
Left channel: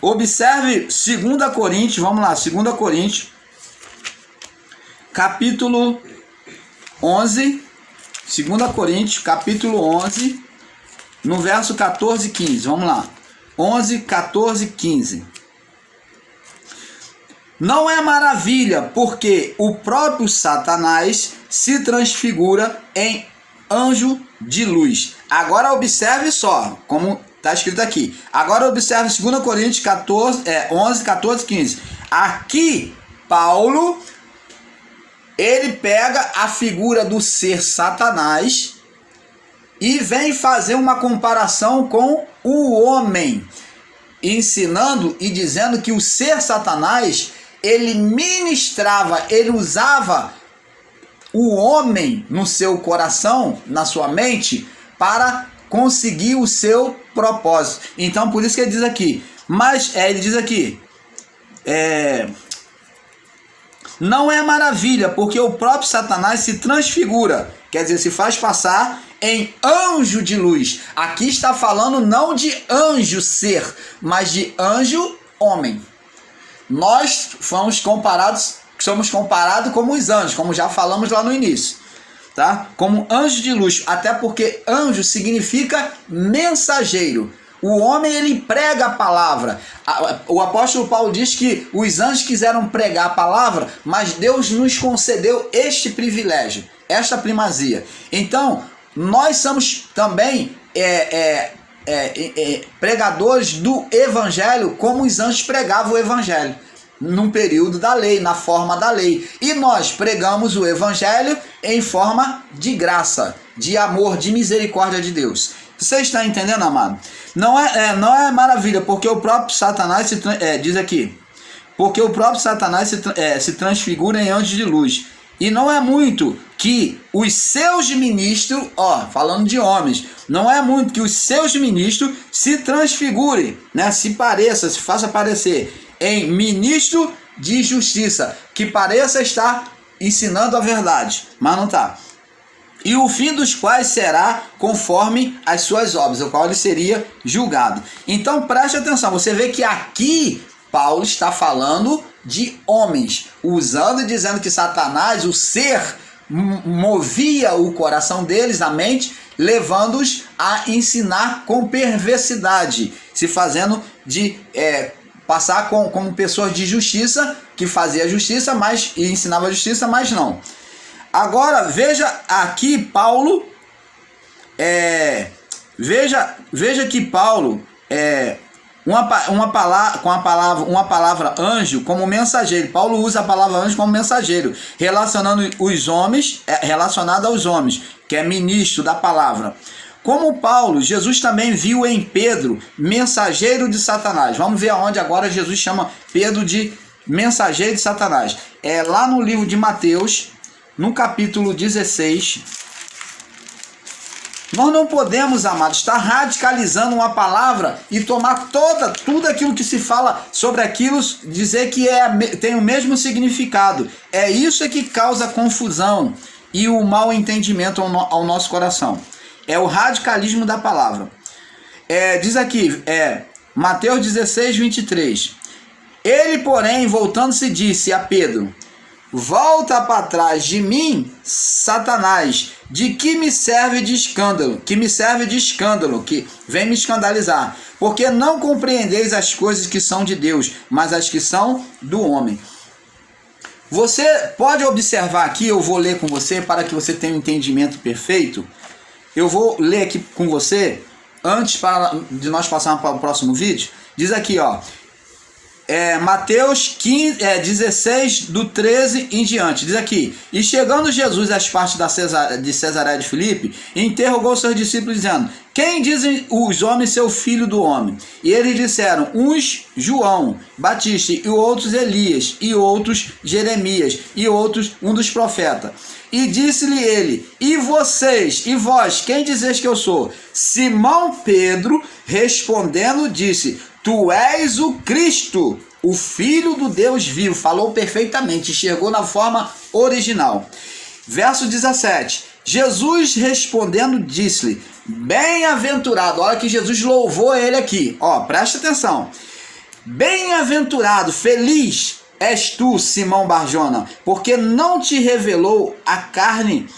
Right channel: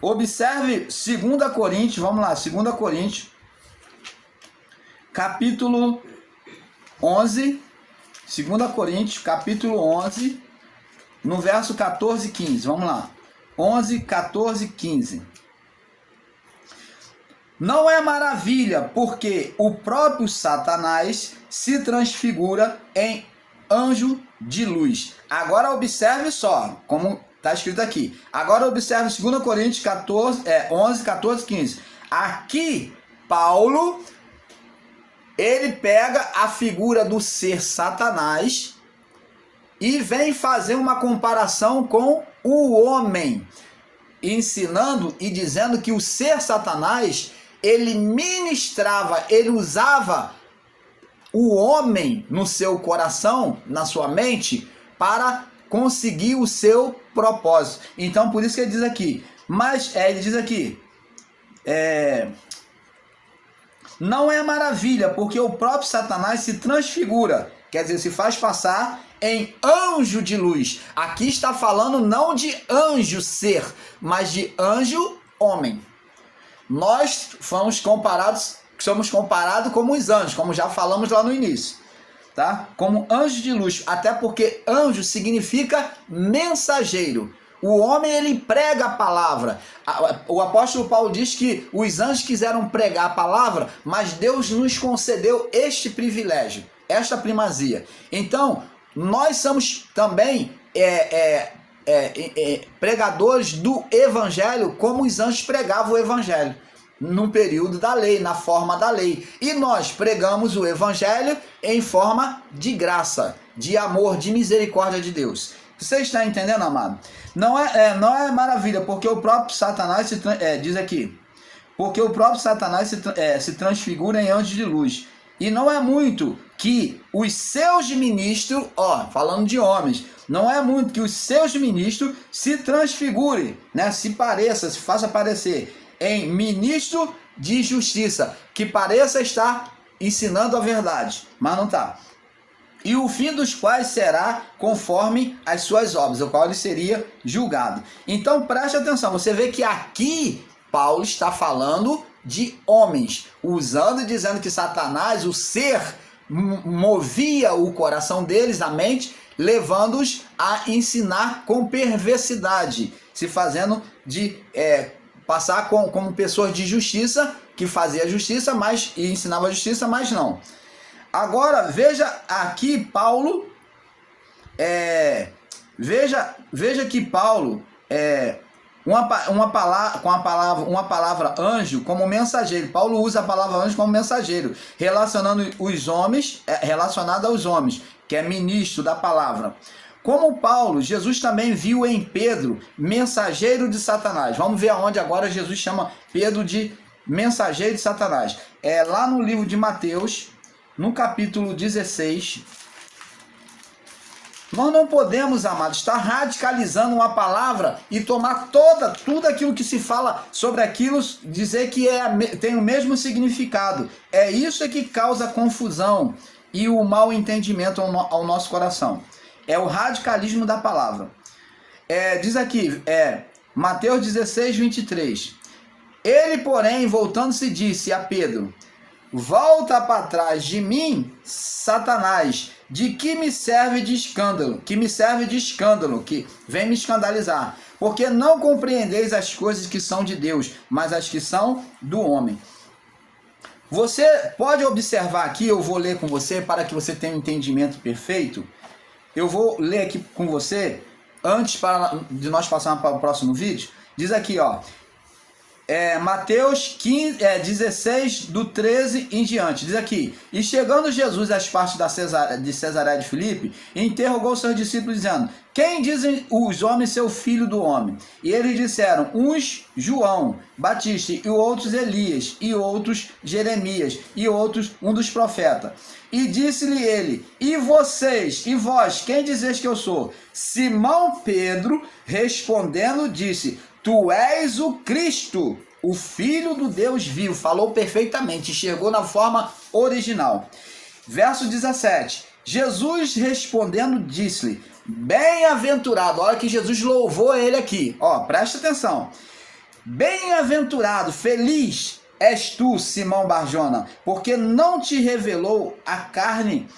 observe 2 Coríntios, vamos lá, 2 Coríntios, capítulo 11, 2 Coríntios, capítulo 11, no verso 14 e 15, vamos lá, 11, 14 e 15. Não é maravilha, porque o próprio Satanás se transfigura em anjo de luz. Agora observe só, como está escrito aqui. Agora observe 2 Coríntios 11, 14 e 15. Aqui, Paulo, ele pega a figura do ser Satanás e vem fazer uma comparação com o homem, ensinando e dizendo que o ser Satanás, ele ministrava, ele usava o homem no seu coração, na sua mente, para conseguir o seu propósito. Então, por isso que ele diz aqui, ele diz aqui, não é maravilha, porque o próprio Satanás se transfigura, quer dizer, se faz passar em anjo de luz. Aqui está falando não de anjo ser, mas de anjo homem. Nós somos comparados como os anjos, como já falamos lá no início, tá? Como anjo de luz, até porque anjo significa mensageiro. O homem, ele prega a palavra. O apóstolo Paulo diz que os anjos quiseram pregar a palavra, mas Deus nos concedeu este privilégio, esta primazia. Então, nós somos também pregadores do evangelho como os anjos pregavam o evangelho, num período da lei, na forma da lei. E nós pregamos o evangelho em forma de graça, de amor, de misericórdia de Deus. Você está entendendo, amado? Não é maravilha, porque o próprio Satanás diz aqui, porque o próprio Satanás se transfigura em anjo de luz. E não é muito que os seus ministros, falando de homens, não é muito que os seus ministros se transfigurem, né? Se faça parecer em ministro de justiça, que pareça estar ensinando a verdade, mas não está. E o fim dos quais será conforme as suas obras, o qual ele seria julgado. Então preste atenção, você vê que aqui Paulo está falando de homens, usando e dizendo que Satanás, o ser, movia o coração deles, a mente, levando-os a ensinar com perversidade, se fazendo de passar como pessoas de justiça, que fazia justiça, e ensinava justiça, mas não. Agora veja aqui Paulo, veja que Paulo uma palavra anjo como mensageiro. Paulo usa a palavra anjo como mensageiro, relacionando os homens, relacionado aos homens, que é ministro da palavra. Como Paulo, Jesus também viu em Pedro mensageiro de Satanás. Vamos ver aonde agora Jesus chama Pedro de mensageiro de Satanás. É lá no livro de Mateus, no capítulo 16. Nós não podemos, amados, estar radicalizando uma palavra e tomar tudo aquilo que se fala sobre aquilo, dizer que tem o mesmo significado. É isso que causa confusão e o mau entendimento ao nosso coração. É o radicalismo da palavra. Diz aqui, Mateus 16, 23. Ele, porém, voltando-se, disse a Pedro: volta para trás de mim, Satanás, de que me serve de escândalo, que vem me escandalizar, porque não compreendeis as coisas que são de Deus, mas as que são do homem. Você pode observar aqui, eu vou ler com você para que você tenha um entendimento perfeito. Eu vou ler aqui com você, antes de nós passarmos para o próximo vídeo. Diz aqui, Mateus 16, do 13 em diante, diz aqui: e chegando Jesus às partes de Cesareia de Filipe, interrogou seus discípulos, dizendo: quem dizem os homens ser o filho do homem? E eles disseram: uns João Batista, e outros Elias, e outros Jeremias, e outros um dos profetas. E disse-lhe ele: e vocês, e vós, quem dizeis que eu sou? Simão Pedro, respondendo, disse: tu és o Cristo, o Filho do Deus vivo. Falou perfeitamente, chegou na forma original. Verso 17. Jesus respondendo disse-lhe: bem-aventurado. Olha que Jesus louvou ele aqui. Presta atenção. Bem-aventurado, feliz és tu, Simão Barjona, porque não te revelou a carne,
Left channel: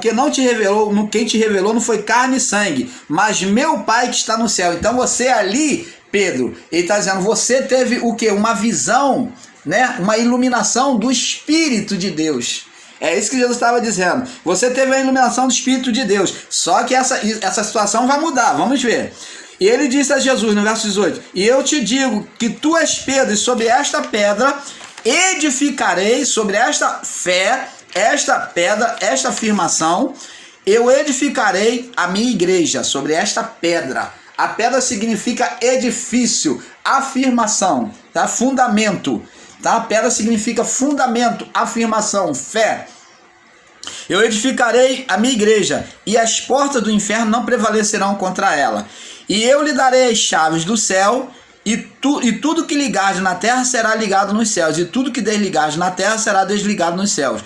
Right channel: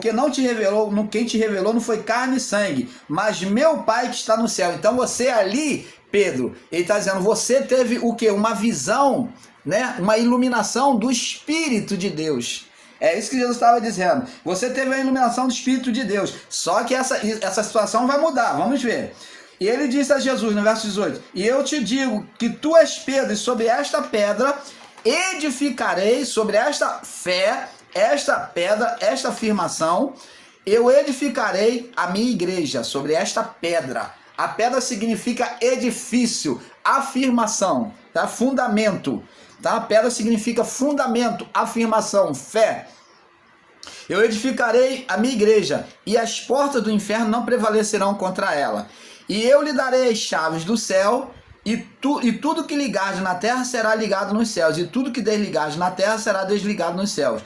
quem te revelou não foi carne e sangue, mas meu Pai que está no céu. Então você ali, Pedro, ele está dizendo, você teve o quê? Uma visão, né? Uma iluminação do Espírito de Deus. É isso que Jesus estava dizendo. Você teve a iluminação do Espírito de Deus. Só que essa situação vai mudar. Vamos ver. E ele disse a Jesus no verso 18: e eu te digo que tu és Pedro, e sobre esta pedra edificarei, sobre esta fé, esta pedra, esta afirmação, eu edificarei a minha igreja, sobre esta pedra. A pedra significa edifício, afirmação, tá? Fundamento, tá? A pedra significa fundamento, afirmação, fé. Eu edificarei a minha igreja, e as portas do inferno não prevalecerão contra ela. E eu lhe darei as chaves do céu, e tudo que ligares na terra será ligado nos céus, e tudo que desligares na terra será desligado nos céus.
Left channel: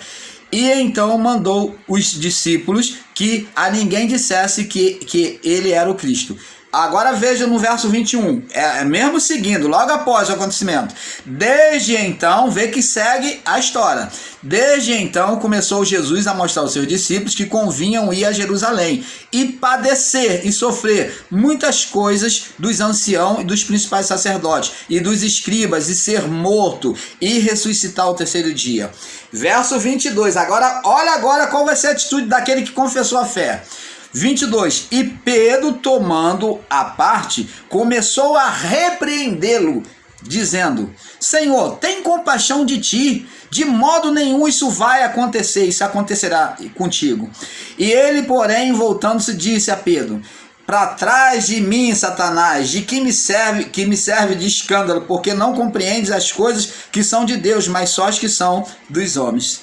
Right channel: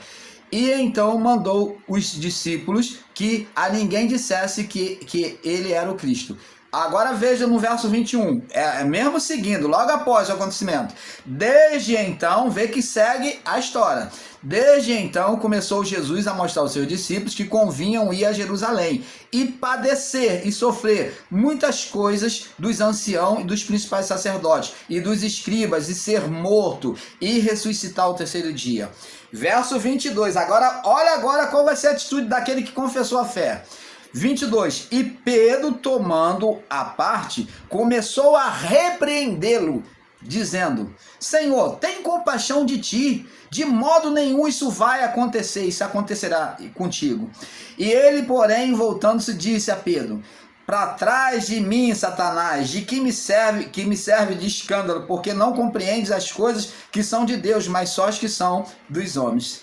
E então mandou os discípulos que a ninguém dissesse que ele era o Cristo. Agora veja no verso 21, mesmo seguindo, logo após o acontecimento. Desde então, vê que segue a história. Desde então começou Jesus a mostrar aos seus discípulos que convinham ir a Jerusalém e padecer e sofrer muitas coisas dos anciãos e dos principais sacerdotes e dos escribas, e ser morto e ressuscitar ao terceiro dia. Verso 22, olha agora qual vai ser a atitude daquele que confessou a fé. 22. E Pedro, tomando a parte, começou a repreendê-lo, dizendo: Senhor, tem compaixão de ti, de modo nenhum isso vai acontecer, isso acontecerá contigo. E ele, porém, voltando-se, disse a Pedro: para trás de mim, Satanás, de que me serve de escândalo, porque não compreendes as coisas que são de Deus, mas só as que são dos homens.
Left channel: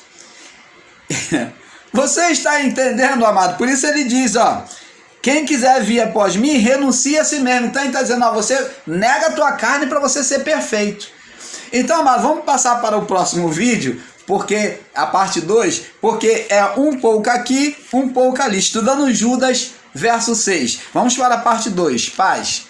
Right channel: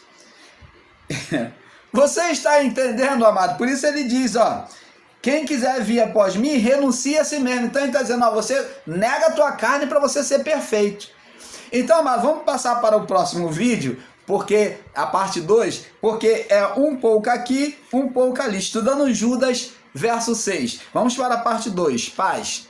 Você está entendendo, amado? Por isso ele diz, ó, quem quiser vir após mim, renuncia a si mesmo. Então ele está dizendo, ó, você nega a tua carne para você ser perfeito. Então, amado, vamos passar para o próximo vídeo, porque a parte 2, porque é um pouco aqui, um pouco ali, estudando Judas verso 6. Vamos para a parte 2. Paz.